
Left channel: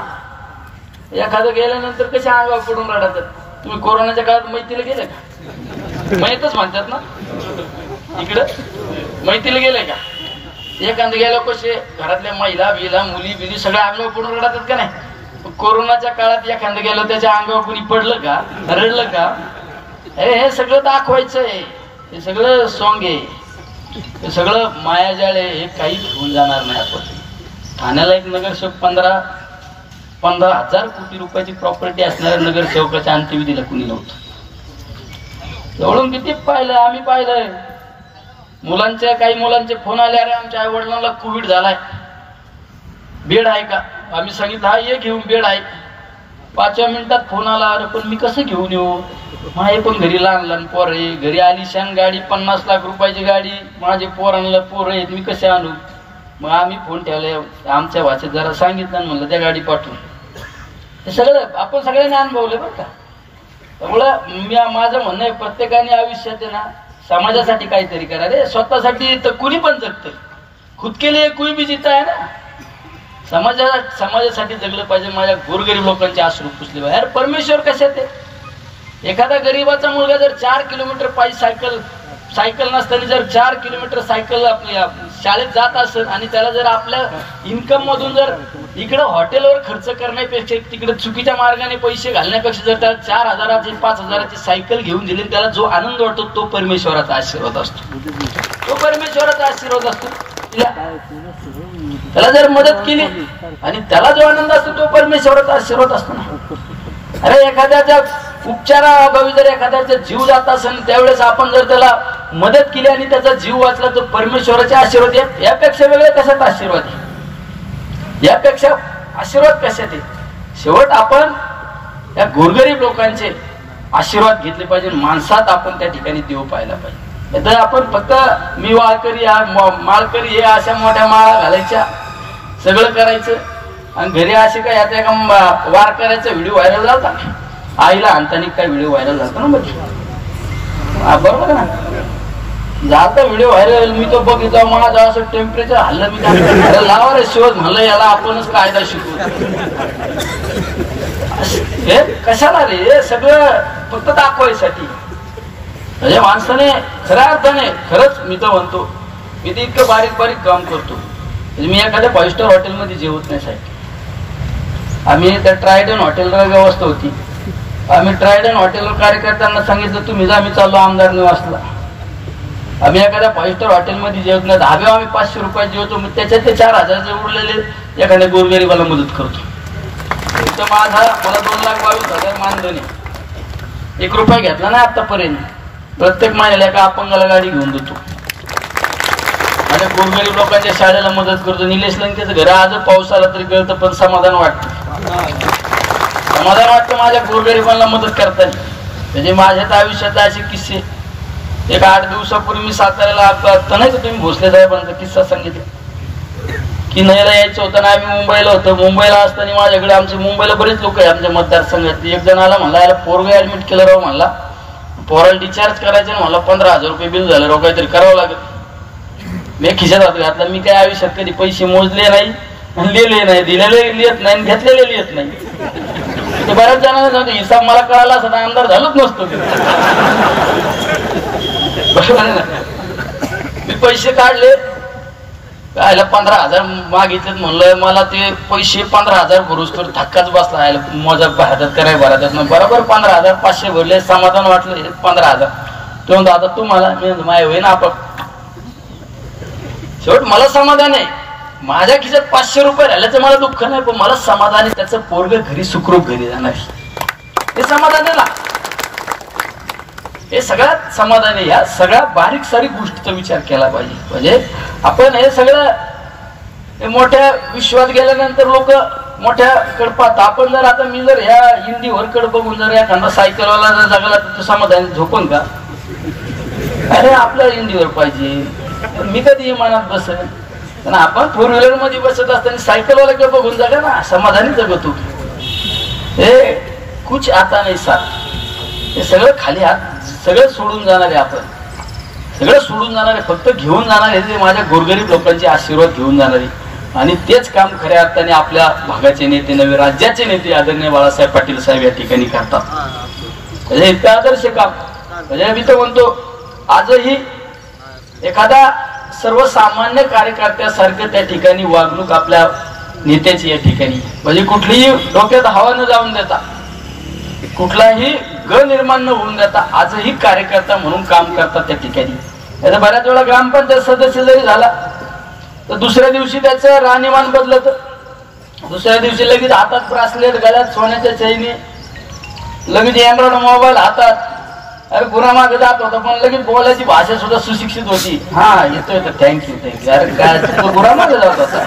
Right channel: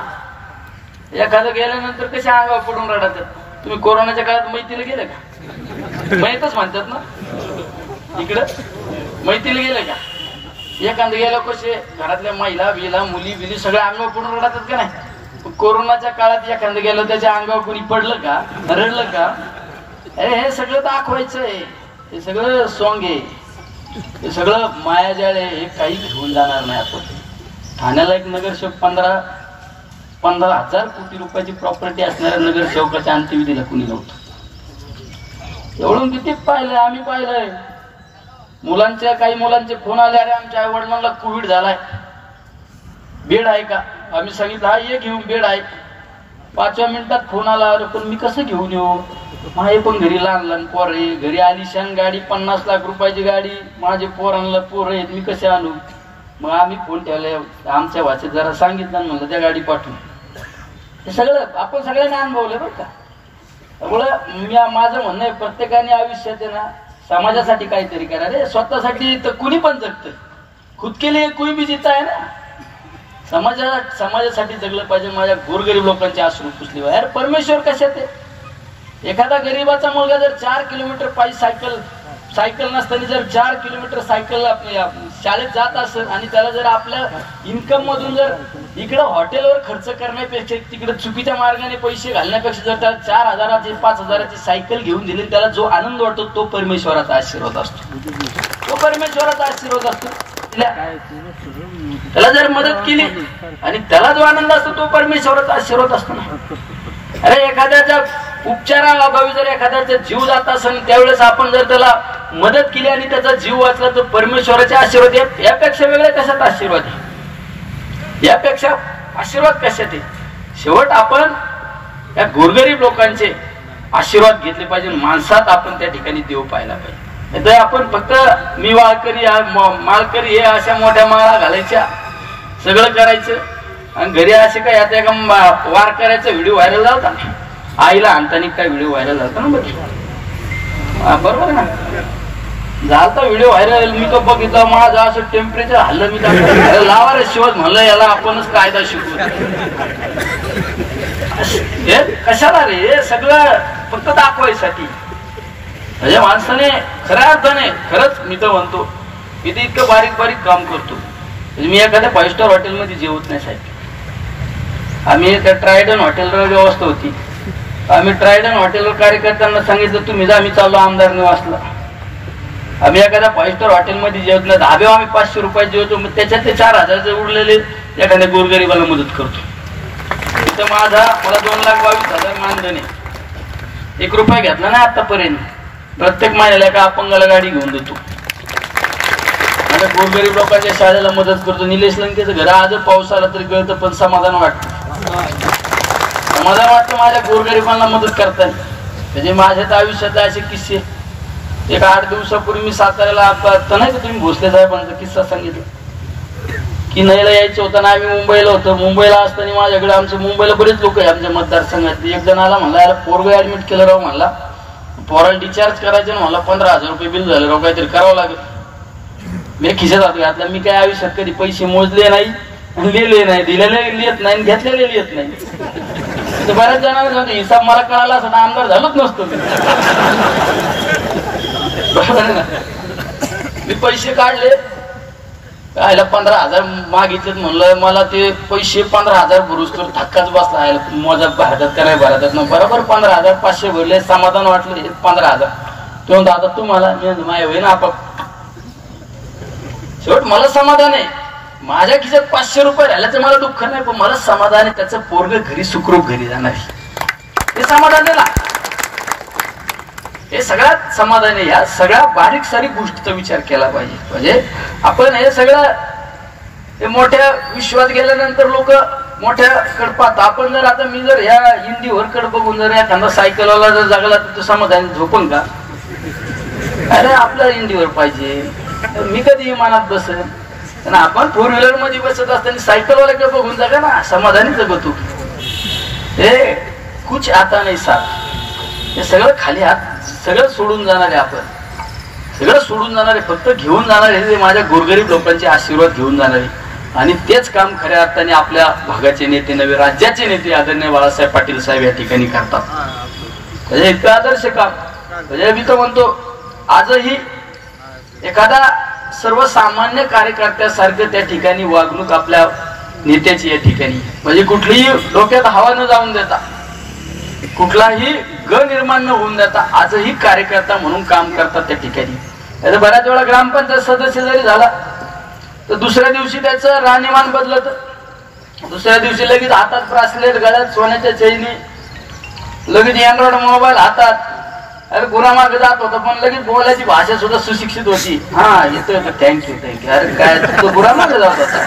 एखादं गेल्यानंतर कसे अंगावर पडून रडतात. तुम्ही कोरोनाच्या काळात मैत्रीला गेले का? मैतच म्हणतात ना इकडं, मैत्रीला गेले का? एखादं गेलो कसे घरातल्या महिला बिला मुली बिली सगळ्या अंगावर पडून रडतात का नाही? कोरोनाच्या काळात एखादं गेलं त्याच्या अंगावर कोणी पडलं का, रडलं का? हे सगळं दाखवायचं आहे. हे सगळं सॉंग आहे. हे सगळं मायाजाळ आहे. हे काहीच होऊन जाणार नाही. आपण ठाण्याला एक नगरसेवक 15,000 कोटी रुपयाची प्रॉपर्टी असणाऱ्या नगरसेवकाच्या अंत्यविधीला कुणी नव्हतं. एवढून किती पाहिलंय आम्ही, पाहिलंय. काही मुलांचे फोन आले, अरे आमच्या आई वडिलांना कोविड झालाय, बेड आहे का? आम्ही सांगितलं हा ये घेऊन बेड आहे. 5व्या मिनिटात फोन आला, अरे पण मी कसं घेऊन येऊ? माझे पण घरी लहान लहान पोर आहे, घरी आलिशान गाडी 50 लाख रुपयाची गाडी, माझे पोरांना पोर आहेत, मी कसे आणू? मग आम्ही फोन ठेवले, आमच्या भाषेत जरा सांगितलं, म्हणलं त्या गाडी पाठवून. हे सगळं आपण सगळ्यांना अनुभवले बरं का. त्यामुळं माझं म्हणणं आहे, प्रत्येकाने आयुष्यात आहे ना समाजासाठी काहीतरी करा रे. स्वतःसाठी तर कुणी पण जगत, खुद के लिए कोई भी जीता है ना. समाजासाठी जगलं पाहिजे. माझ्या गोरगरीब लोकांचे अश्रू पुसले. यार परमेश्वर कशात आहे? एखादा गरीबाचा मुलगा जर 4 किलोमीटर पायी सायकल नसताना जर 4 किलोमीटर सायकल आपल्या शाळेत जात असेल आणि त्याला जर आपल्या इन्कम मधून जर इकडे हॉटेलवर खर्च करण्यापेक्षा तिकडे चुकीच्या मार्गाने पैसे घालण्यापेक्षा जर त्याला 4,000ची 5,000ची सायकल घेऊन दिली, त्याला जो आनंद वाटतो तो परमेश्वराचा आशीर्वाद असतो. तो परमेश्वराचा आशीर्वाद असतो. त्याला जर मदत केली आणि त्याला जो आनंद असतो तो परमेश्वराचा आशीर्वाद असतो ना. अरे एखाद्याच्या उपचाराअभावी जर एखाद्याचा जीव जात असेल त्यावेळेस आपण जर त्याला मदत केली आणि त्याचा जीव वाचला तो परमेश्वराचे आशीर्वाद आहे. यापेक्षा वेगळ्या कशात आशीर्वाद आहे? यापेक्षा आशीर्वाद कशात आहे? शेवट आपण या गोरगरीब लोकांचे आशीर्वाद घेतले पाहिजे. माणसात आपण त्या ठिकाणी देव पाहायला पाहिजे. तर आपण फक्त मी माळकरी हे अशा मोठ्या माळा घालायच्या, सगळं करायचं आणि घरी असे काय आता एका वार करायचा व्हिडिओ व्हायरल झाला ना, आईला आणताना काय व्हिडिओ व्हायरल झाला ना बरोबर ना, झालता व्हिडिओ व्हायरल. मी तो बघितला, माझं असं टेम्परेचर हल्लं. मी लावा रे शिवत म्हणलं, याला आपणच कायदा शिकू. हे कशाला रे? हे सगळं फक्त दाखवायसाठी. म्हणजे माणसाने खऱ्या अर्थाने खरंच मी तर म्हणतो, मी तर इतकं बारीक बारीक काम करतो. मी एखाद्या 5 स्टार हॉटेलमध्ये जेवत नाही साहेब. आम्ही त्या ट्रायडन हॉटेलवर व्यवस्था होती. आम्ही ट्रायडन हॉटेलवर कार्यकर्त्यांना सांगितलं तुम्ही जा, आम्ही चाललो आमदार निवासला. आम्ही एखाद्या 5 स्टार हॉटेलमध्ये जेवत नाही. धाबे आम्ही 500 रुपये जेवतो, मग त्याच्यातले 4,000 उरलेले एखाद्या गोरगरीबाला मदत करतो. तर मला 2,22,000 मानधन आहे. 1 रुपया घेतला नाही आतापर्यंत. प्रत्येक महिन्याला एका अपंगाला गाडी घेऊन देतो. आता गोरगरीब लोकांच्या शाळेला मदत करतो. निलेश लंकेचं घर आज पाऊस आला तरी कळतं, पण समाधान वाटतं. समाधान वाटतं माझ्या गोरगरिबांना मदत करताना. म्हणजे माझ्या तर आयुष्यात असे किस्से. एक 8 दिवसापूर्वी मी साताऱ्याला आता नाही का तुम्ही भोसले साहेबांचा किस्सा सांगितला की नयला यायचं होतं ना, आम्ही मुंबईला होतो. मुंबईला असताना माझ्याकडे आमच्या मुंबईला बरेच लोक आहे आमच्या मतदारसंघात. एक जण आला, म्हणला याला पोरग ऍडमिट केलं राव, म्हणला पोराला डिस्चार्ज करायचं, म्हणला 15,000 रुपये बिल झालं राव, काहीतरी करावं लागेल. मी खिशात हात घातला. मी काय आयुष्यात कधी पैसे मोजले नाही, लिहिले नाही, दिलेले लिहित नाही, घेतलेले लिहित नाही. बऱ्याच जणांना हिसाब मला कळाला असता आमदार झालोच नसतो. मी पैसे काढले, आयला 15,000 मागितलेत. म्हणलं मला ते पैसे 15,000 भरूच तर धक्काच बसला. मजा भारतात कराय भरतात मग बरोबर 15,500 भरले. समाधान वाटलं 15,000. तो म्हणतो आता तू मला माय होई ना आपण. शेवट मला समाधान आहे. माझ्या खिशात 500 रुपये राहिल्याचं मला दुःख नाही, पण मला समाधान आहे त्याचं पोरग घरी सुखरूप घरी जाणार, हे समाधान आहे ना. हे सगळ्यात समाधान आहे. या सगळ्या बारीक सारीक गोष्टीचा विचार केला पाहिजे. म्हणजे आपण हे सगळं मोठ्या विश्वात गेल्यानंतर लोक मोठ्या कडे पाहतात. आपण जर आता मी जर ह्या हिंदीवर कडे बघून जर एखादा सायकलवाला जर जगला तर समाधान झोपून का? अरे आपल्याला हिंदीवर पाहिजे. मी कधी विमानात बसेल, पण आपण 4 व्हीलर मध्ये बसत असताना सायकलवाल्याकडे बघून जगा ना, समाधानी जगतो. हे कुछ आता नाही साथ. हे सगळं खाली हात सगळं सोडून जाणार आहे. आपण सगळं सोडून जाणार आहे, फक्त घेऊन जाणार आहे माझ्या गोरगरीब लोकांचे आशीर्वाद घेऊन जाणार आहे. आणि तेच काम खऱ्या अर्थाने आपल्या भागाचे नेते, नवे राज्याचे नेते आदरणीय बाळासाहेब पाटील साहेब या ठिकाणी करतात. म्हणजे इतकं आदर्श काम. म्हणजे मी तर म्हणतो आजही एखादा सर्वसामान्य कार्यकर्त्यासारखं त्या ठिकाणी वागणूक आपल्या नेत्याची या ठिकाणी, म्हणजे कुठलीही डोक्यात हवा न जाऊन देता, कुठलाही ग निर्माण न होऊन देता आजही कार्यकर्ता म्हणून काम करतात त्या ठिकाणी. आता बऱ्याच वेळा ग्रामपंचायत सदस्य जरी झाला तर दुसऱ्या दिवशी त्याचं राहणीमान बदलत. दुसऱ्या दिवशी लगेच हातात ब्रासलेट, गळ्यात सोन्याच्या चैनी, लगेच अँड्रॉइड मोबाईल हातात. अरे गुरामागे जात होता पण लगेच बोलायची भाषा सुद्धा सुशिक्षित होती. हा येतोय तर थँक्यू थँक्यू. अरे काय तो गुरामागे जात होता.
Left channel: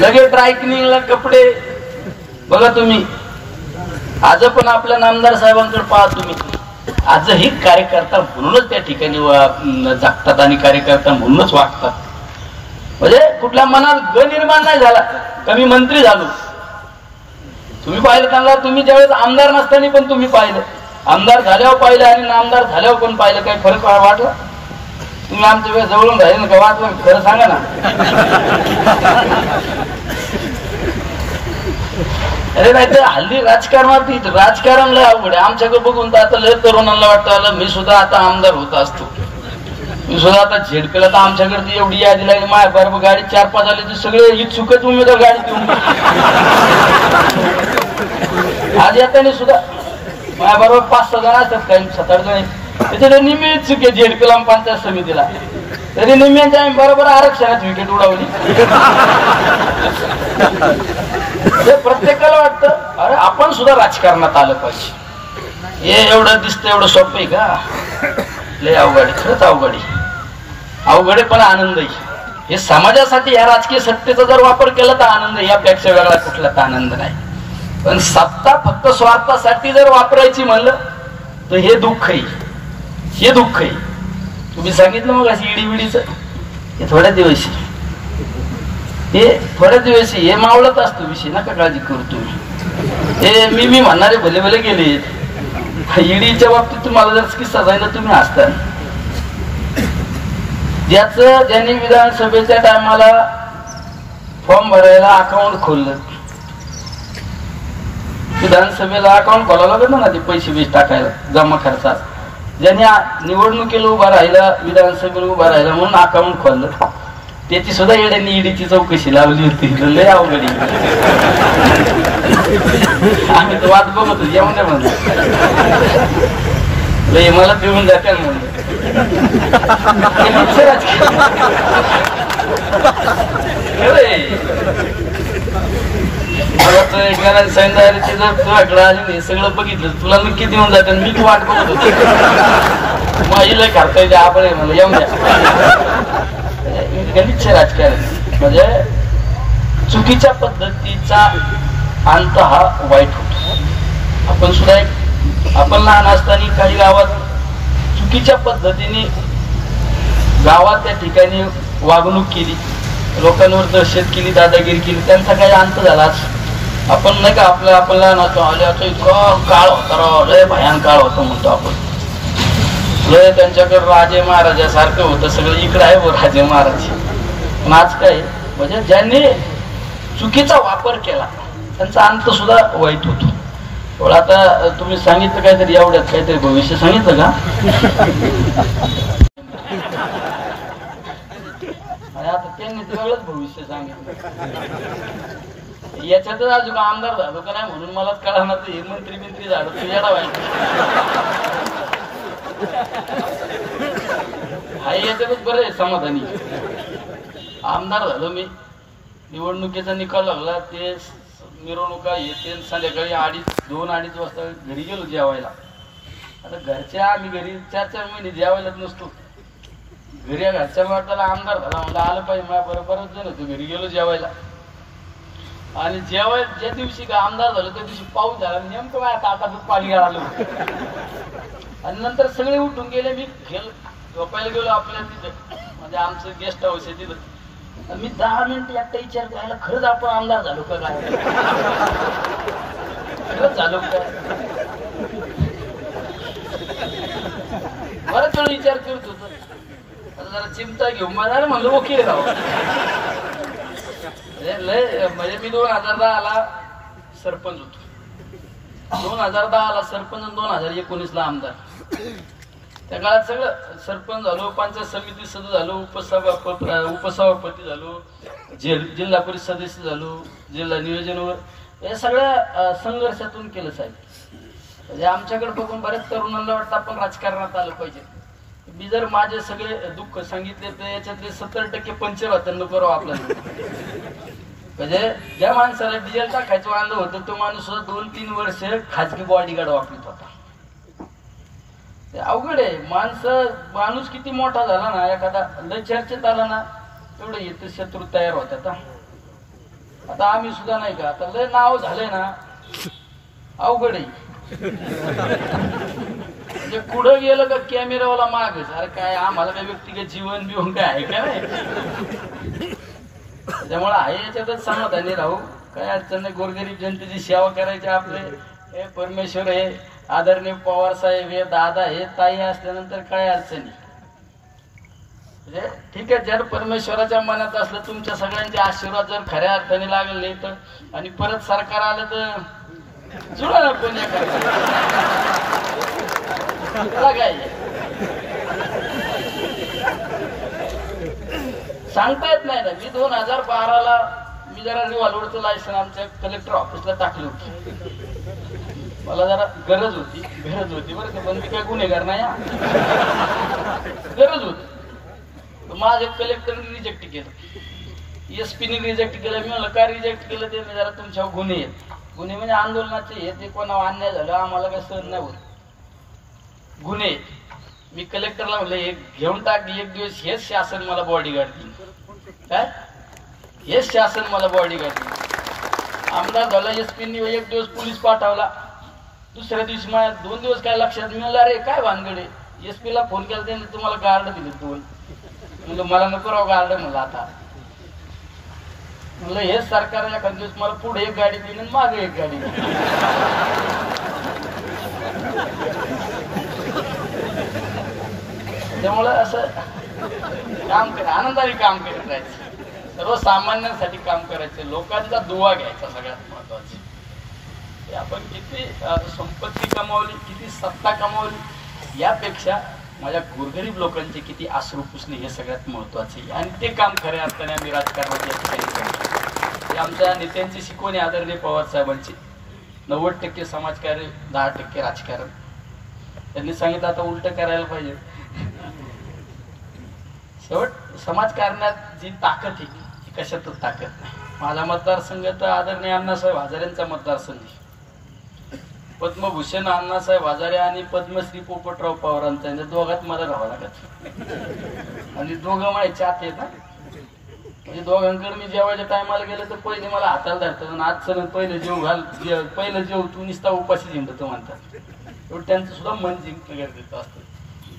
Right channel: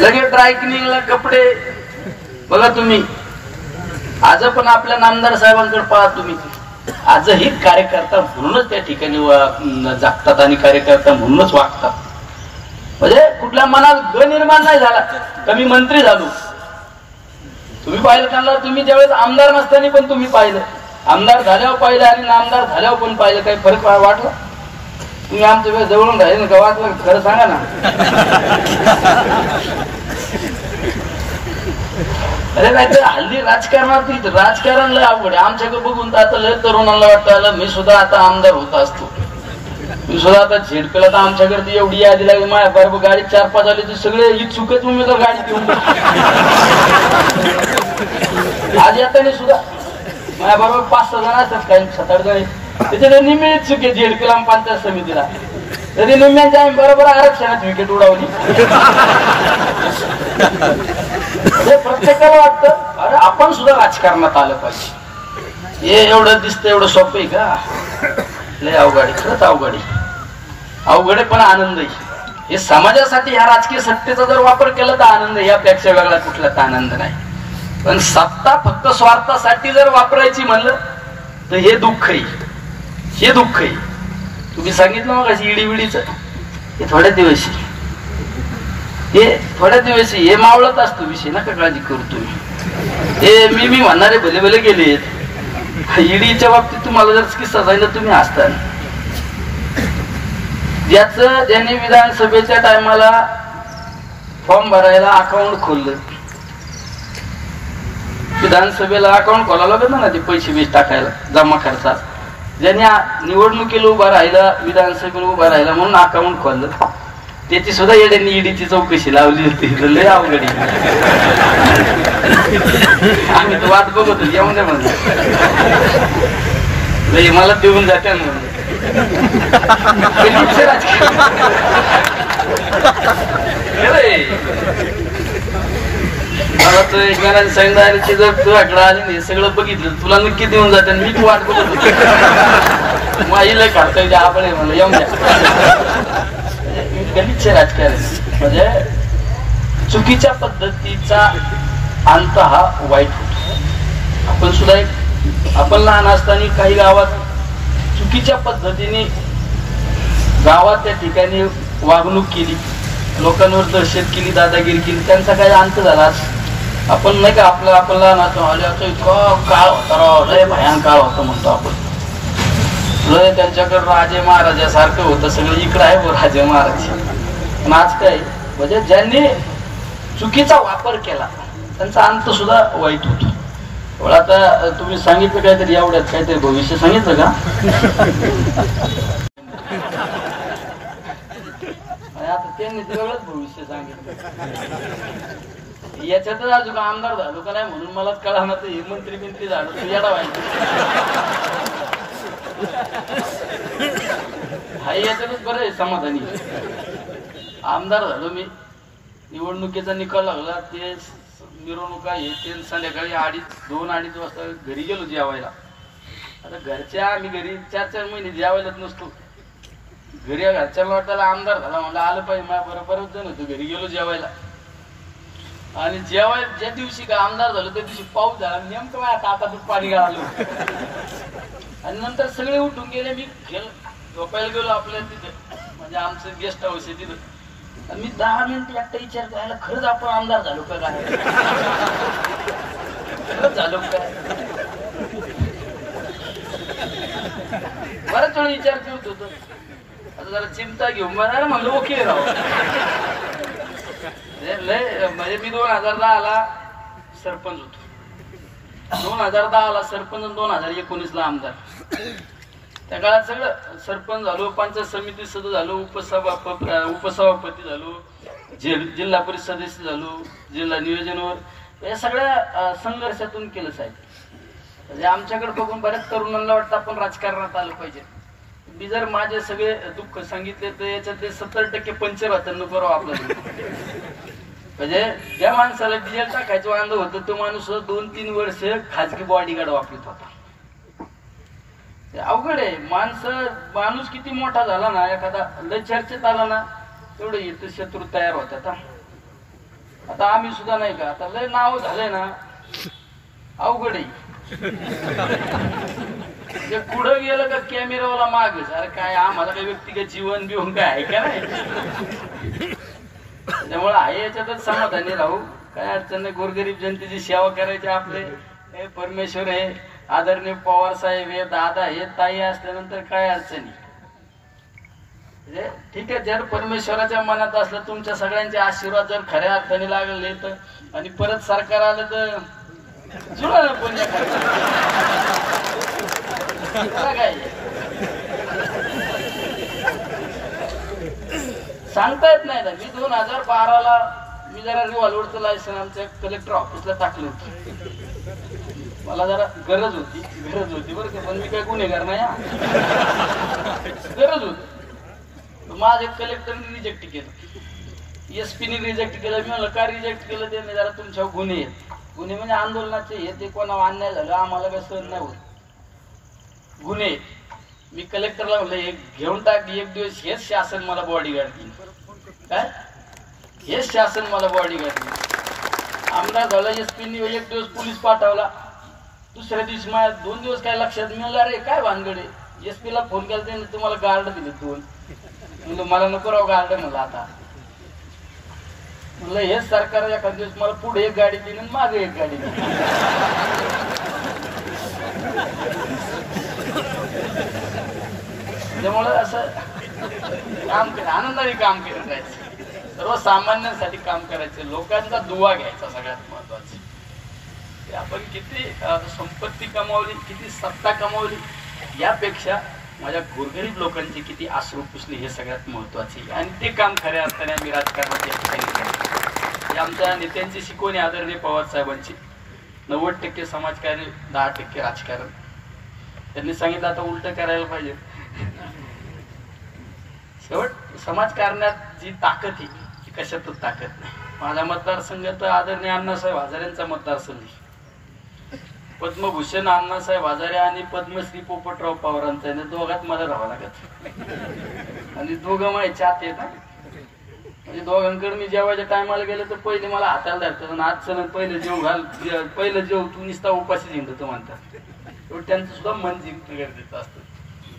लगेच ड्रायक्लिनिंगला कपडे. बघा तुम्ही आज पण आपल्या नामदार साहेबांकडे पहा तुम्ही, आजही कार्यकर्ता म्हणूनच त्या ठिकाणी जगतात आणि कार्यकर्ता म्हणूनच वागतात. म्हणजे कुठल्या मनात ग निर्माण नाही झाला का मी मंत्री झालो. तुम्ही पाहिलं त्यांना, तुम्ही ज्यावेळेस आमदार नसताना पण तुम्ही पाहिलं, आमदार झाल्यावर पाहिलं आणि नामदार झाल्यावर पण पाहिलं, काही फरक वाटला? तुम्ही आमच्या वेळेस जवळून राहिले ना का वाटलं? खरं सांगा ना. अरे नाही तर हल्ली राजकारणात राजकारण लय अवघड आहे. आमच्याकडे बघून तर आता लय तरुणांना वाटतं मी सुद्धा आता आमदार होत असतो, मी सुद्धा आता झेडपीला. तर आमच्याकडे एवढी यादी लागली, माझ्या बरोबर गाडी 4-5 आली तर सगळे इच्छुकच उमेदवार गाडी घेऊन आज येताना सुद्धा माझ्या बरोबर 5-6 जण असतात, काही 7-8 जण त्याच्याकडे निम्मे इच्छुक आहे झेडपीला पंचायत समितीला. तरी निम्म्यांच्या आम्ही बरोबर आरक्षणाची विकेट उडवली. प्रत्येकाला वाटतं अरे आपण सुद्धा राजकारणात आलं पाहिजे. हे एवढं दिसतं एवढं सोपं आहे का? लय अवघड, खरंच अवघड आहे पण आनंद आहे. हे समाजासाठी या राजकीय सत्तेचा जर वापर केला तर आनंद आहे, यापेक्षा वेगळा कुठलाच आनंद नाही. पण सत्ता फक्त स्वार्थासाठी जर वापरायची म्हणलं तर हे दुःख आहे, हे दुःख आहे. तुम्ही सांगितलं मग अशी इडीविडीच हे थोड्या दिवशी, हे थोड्या दिवशी हे मावळत असतो विषय, नका काळजी करू तुम्ही. हे मी म्हणणारे भले भले गेले. ईडीच्या बाबतीत तुम्हाला जर किस्सा सांगितलं तुम्ही हसता. ज्यांनी विधानसभेच्या टायमाला फॉर्म भरायला अकाउंट खोललं, विधानसभेला अकाउंट खोलायला लागलं ना ते पैसे टाकायला जमा खर्चात, ज्यांनी निवडणुकीला उभा राहिला, विधानसभेला उभा राहिला म्हणून अकाउंट खोललं, त्याची सुद्धा येड्यांनी ईडीची चौकशी लावली होती. लय अवघड. आम्ही तर वाट बघत होतो येऊन म्हणलं मला देऊन जाते म्हणलं. घरात सांगितलं जर तुझ्याकडे आले हे सगळं बघितलं तुला नक्की देऊन जाते, मीच वाट बघत होतो. माईला काढता येते आपण म्हणलं येऊन द्या. गलिच्छ राजकारण म्हणजे चुकीच्या पद्धतीचा अंत हा वाईट होतो. आपण सुद्धा आपण लहान असताना काही गावात चुकीच्या पद्धतीने गावात त्या ठिकाणी वागणूक केली, लोकांवर दहशत केली, दादागिरी केली, त्यांचा काही अंत झालाच. आपण नाही का आपण लहान आल्याचं इतकं काळ होता राव, लय भयान काळ होतो म्हणतो आपण. लय त्यांच्याकडे राजे महाराजासारखं होतं सगळं, इकडं आहे व राजे महाराज. आज काय म्हणजे ज्यांनी चुकीचा वापर केला त्यांचा अंत सुद्धा वाईट होतो. आता तुम्ही सांगितलं काहीतरी एवढ्यात काहीतरी भविष्य सांगितलं का? आता त्यांनी ते वेगळंच भविष्य सांगितलं. याच्यातच अजून आमदार झालो का नाही म्हणून मला कळणार तर हे मंत्री झालो तुझ्याला व्हायचं. हा याच्यातच बरं आहे समाधानी. आमदार झालो मी, निवडणुकीचा निकाल लागला, ते मिरवणुका हे ते संध्याकाळी 2-2:30 वाजता घरी गेलो जेवायला. आता घरच्या आम्ही घरी 4-4 महिने जेवायलाच नसतो. घरी घरच्या वाटायला आमदार झाला मला आलं पाहिजे माझ्या बरोबरच जण होतो. घरी गेलो जेवायला आणि ज्या दिवशी का आमदार झालो त्या दिवशी पाऊस झाला, नेमकं माझ्या ताटातून पाणी गाळालं. आणि नंतर सगळे उठून गेले. मी झोपायला गेलो आपल्या तिथं, म्हणजे आमचं गेस्ट हाऊस आहे तिथं. मी 10 मिनिट एकटा विचार करायला खरंच आपण आमदार झालो का काय, खरंच झालो काय. बराच वेळ विचार करत होतो. आता जरा चिंता घेऊन म्हणलं ओके राव. म्हणजे मी 2010ला सरपंच होतो, 2010ला सरपंच आणि 2019ला आमदार. त्या काळात सगळं सरपंच झालो, पंचायत समिती सदस्य झालो, उपसभापती झालो, जिल्हा परिषद सदस्य झालो, जिल्हा नियोजनावर, या सगळ्या संघर्षातून केलं साहेब. म्हणजे आमच्याकडे बघून बऱ्याच तरुणांना वाटतं आपण राजकारणात आलं पाहिजे. मी जर माझे सगळे दुःख सांगितले तर याच्यातले 70% पंचवात्यांना करावं आपल्याला. म्हणजे ज्या माणसाला डिझेल टाकायचं वांद होतं तो माणूस 2-3 वर्ष खाजगी बॉडीगार्ड वापरत होता. अवघड आहे. माणूस किती मोठा झाला ना, एखादा लय चर्चेत आला ना तेवढं येतं शत्रू तयार होतात. आता आम्ही सुद्धा नाही का, आता लय नाव झाले ना अवघड आहे. म्हणजे पुढं गेलं का कॅमेरावाला मागच, अरे काय आम्हाला काय व्यक्तिगत जीवन बिवून काय आहे का नाही. याच्यातच समाधानी राहू, काय अडचण नाही. गोरगरीब जनतेची सेवा करायची आपले. हे परमेश्वर हे आदरणीय पवार साहेब हे दादा हे ताई असल्यानंतर काय अडचणी. ठीक आहे, जर परमेश्वराच्या मनात असलं तुमच्या सगळ्यांचे आशीर्वाद जर खऱ्या अर्थाने लागले तर, आणि परत सरकार आलं तर जुळणार पण या काय सांगता येत नाही ना. मी 2012ला मी जरा रिव्हॉल्वरचं लायसन आमच्या कलेक्टर ऑफिसला टाकलं होतं. मला जरा गरज होती बरं का, पण मी काही गुन्हेगार नाही. गरज होती. माझ्या कलेक्टरने रिजेक्ट केलं, एसपीने रिजेक्ट केलं. मी म्हणलं काय रिजेक्ट केलं ते, जरा तुमच्यावर गुन्हे आहेत. गुन्हे म्हणजे आंदोलनाचे हे ते कोणावर अन्याय झाला आम्हाला काय सहन नाही होत, गुन्हे. मी कलेक्टरला म्हणलं हे घेऊन टाक, एक दिवस हेच शासन मला बॉडीगार्ड देईन. काय हेच शासन मला बॉडीगार्ड देईन. आमदार झाला, एसपीनी एक दिवस पोलीस पाठवला. दुसऱ्या दिवशी माझ्या 2 दिवस काय लक्षात मिळालं, अरे काय भानगडे. एसपीला फोन केला त्याने तुम्हाला गार्ड दिले 2. म्हणलं मला नको राव गार्ड. म्हणलं आता म्हणलं हेच सरकार एखाद दिवस मला पुढे एक गाडी देईन आणि मागे एक गाडी देईन. त्यामुळं असं काम कर, आनंदाने काम करत राहायचं, सर्वसामान्यांसाठी काम करायचं, लोकांचा दुवा घ्यायचा सगळ्यात महत्वाचं. आपण किती संपत्ती कमावली, किती सत्ता कमावली, यापेक्षा माझ्या गोरगरीब लोकांचे किती अश्रू पुसले हे सगळ्यात महत्वाचे. आणि ते काम खऱ्या अर्थाने आम्ही राजकारणात या ठिकाणी करतो. आमच्या नेत्यांची शिकवणी आदरणीय पवार साहेबांची. 90% समाजकार्य, 10% राजकारण. त्यांनी सांगितलं आता उलट करायला पाहिजे. शेवट समाजकारणात जी ताकद आहे ती कशातच ताकद नाही. माझा मतदारसंघ तर आदरणीय अण्णासाहेब हजारेंचा मतदारसंघ. पद्मभूषण अण्णासाहेब हजारे आणि पद्मश्री पोपटराव पवारांचा, दोघात मला राहावं लागत. आणि दोघं माझे चाहते ना, म्हणजे दोघांकडे मी जेवायच्या टायमाला गेलं तर पहिले मला हाताला धरतात आणि आज चल पहिले जेव घाल, पहिलं जेव तू निस्ता उपाशी जिंकतो म्हणतात. त्यांचं सुद्धा मन जिंकणं गरजेचं असतं.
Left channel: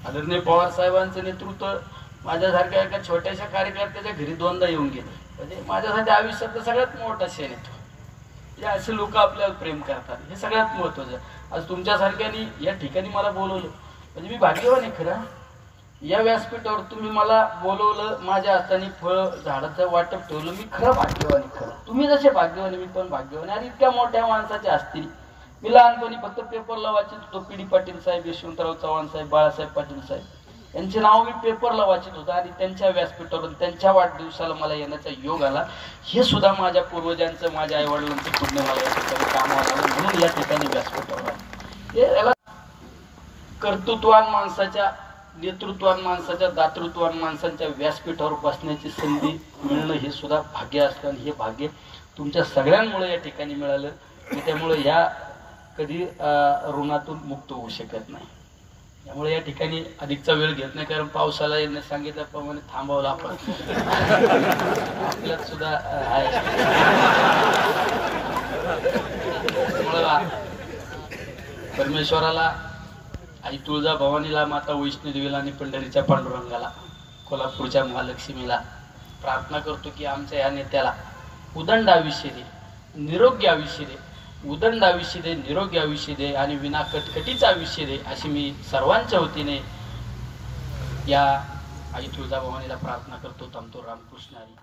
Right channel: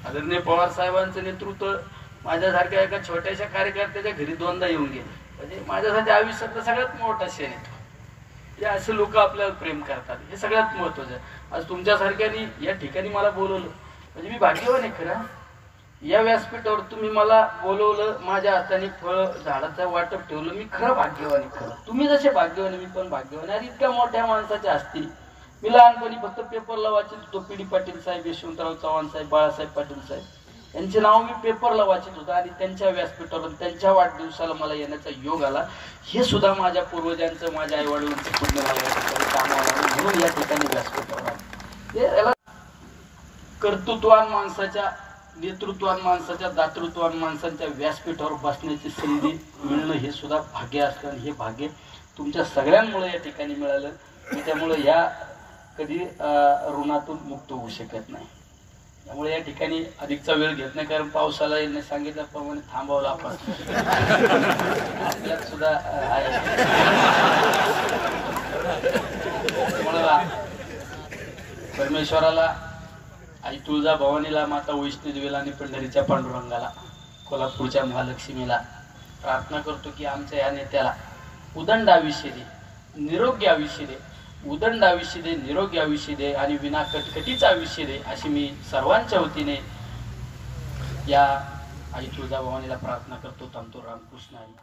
आदरणीय पवार साहेबांचं नेतृत्व माझ्यासारख्या एका छोट्याशा कार्यकर्त्याच्या घरी 2दा येऊन गेले. म्हणजे माझ्यासाठी आयुष्यातला सगळ्यात मोठा क्षण येतो. असे लोक आपल्याला प्रेम करतात, हे सगळ्यात महत्वाचं. आज तुमच्यासारख्यानी या ठिकाणी मला बोलवलं म्हणजे मी भाग्यवान आहे. खरं या व्यासपीठावर तुम्ही मला बोलवलं, माझ्या हाताने फळ झाडाचं वाटप ठेवलं, मी खरं भाग्यवान आहे. खरं तुम्ही जसे भाग्यवान मी पण भाग्यवान. आणि इतक्या मोठ्या माणसाच्या असतील. मी लहानपणी फक्त पेपरला वाचत होतो. पी डी पाटील साहेब, यशवंतराव चव्हाण साहेब, बाळासाहेब पाटील साहेब यांचे नाव मी पेपरला वाचत होतो. आणि त्यांच्या व्यासपीठावरून त्यांच्या वाढदिवसाला मला येण्याचा योग आला. हे सुद्धा माझ्या पूर्वजांचं, माझ्या आई वडिलांचं पूर्ण मला या ठिकाणी कामाला आलं, म्हणून या ठिकाणी व्यासपीठावर आलं. कर्तृत्वान माणसाच्या, नेतृत्वान माणसाच्या, दातृत्वान माणसांच्या व्यासपीठावर बसण्याची संधी मिळणं हे सुद्धा भाग्य असतं. आणि हे भाग्य तुमच्या सगळ्यांमुळे या ठिकाणी मिळालं. त्यामुळे या कधी ऋणातून मुक्त होऊ शकत नाही. त्यामुळे या ठिकाणी अधिकचा वेळ घेत नाही, कारण पावसाला यांनी सांगितल्याप्रमाणे थांबवलं आपण. आपल्यात सुद्धा आहे. परमेश्वराला, आई तुळजाभवानीला, माता वैष्णोदेवीला आणि पंढरीच्या पांडुरंगाला, कोल्हापूरच्या महालक्ष्मीला प्रार्थना करतो की आमच्या या नेत्याला उदंड आयुष्य दे, निरोगी आयुष्य दे, उदंड आयुष्य दे, निरोगी आयुष्य दे आणि विना कटकटीचं आयुष्य दे, अशी मी सर्वांच्या वतीने या आई तुळजाभवानीला प्रार्थना करतो. थांबतो. रामकृष्ण हरी.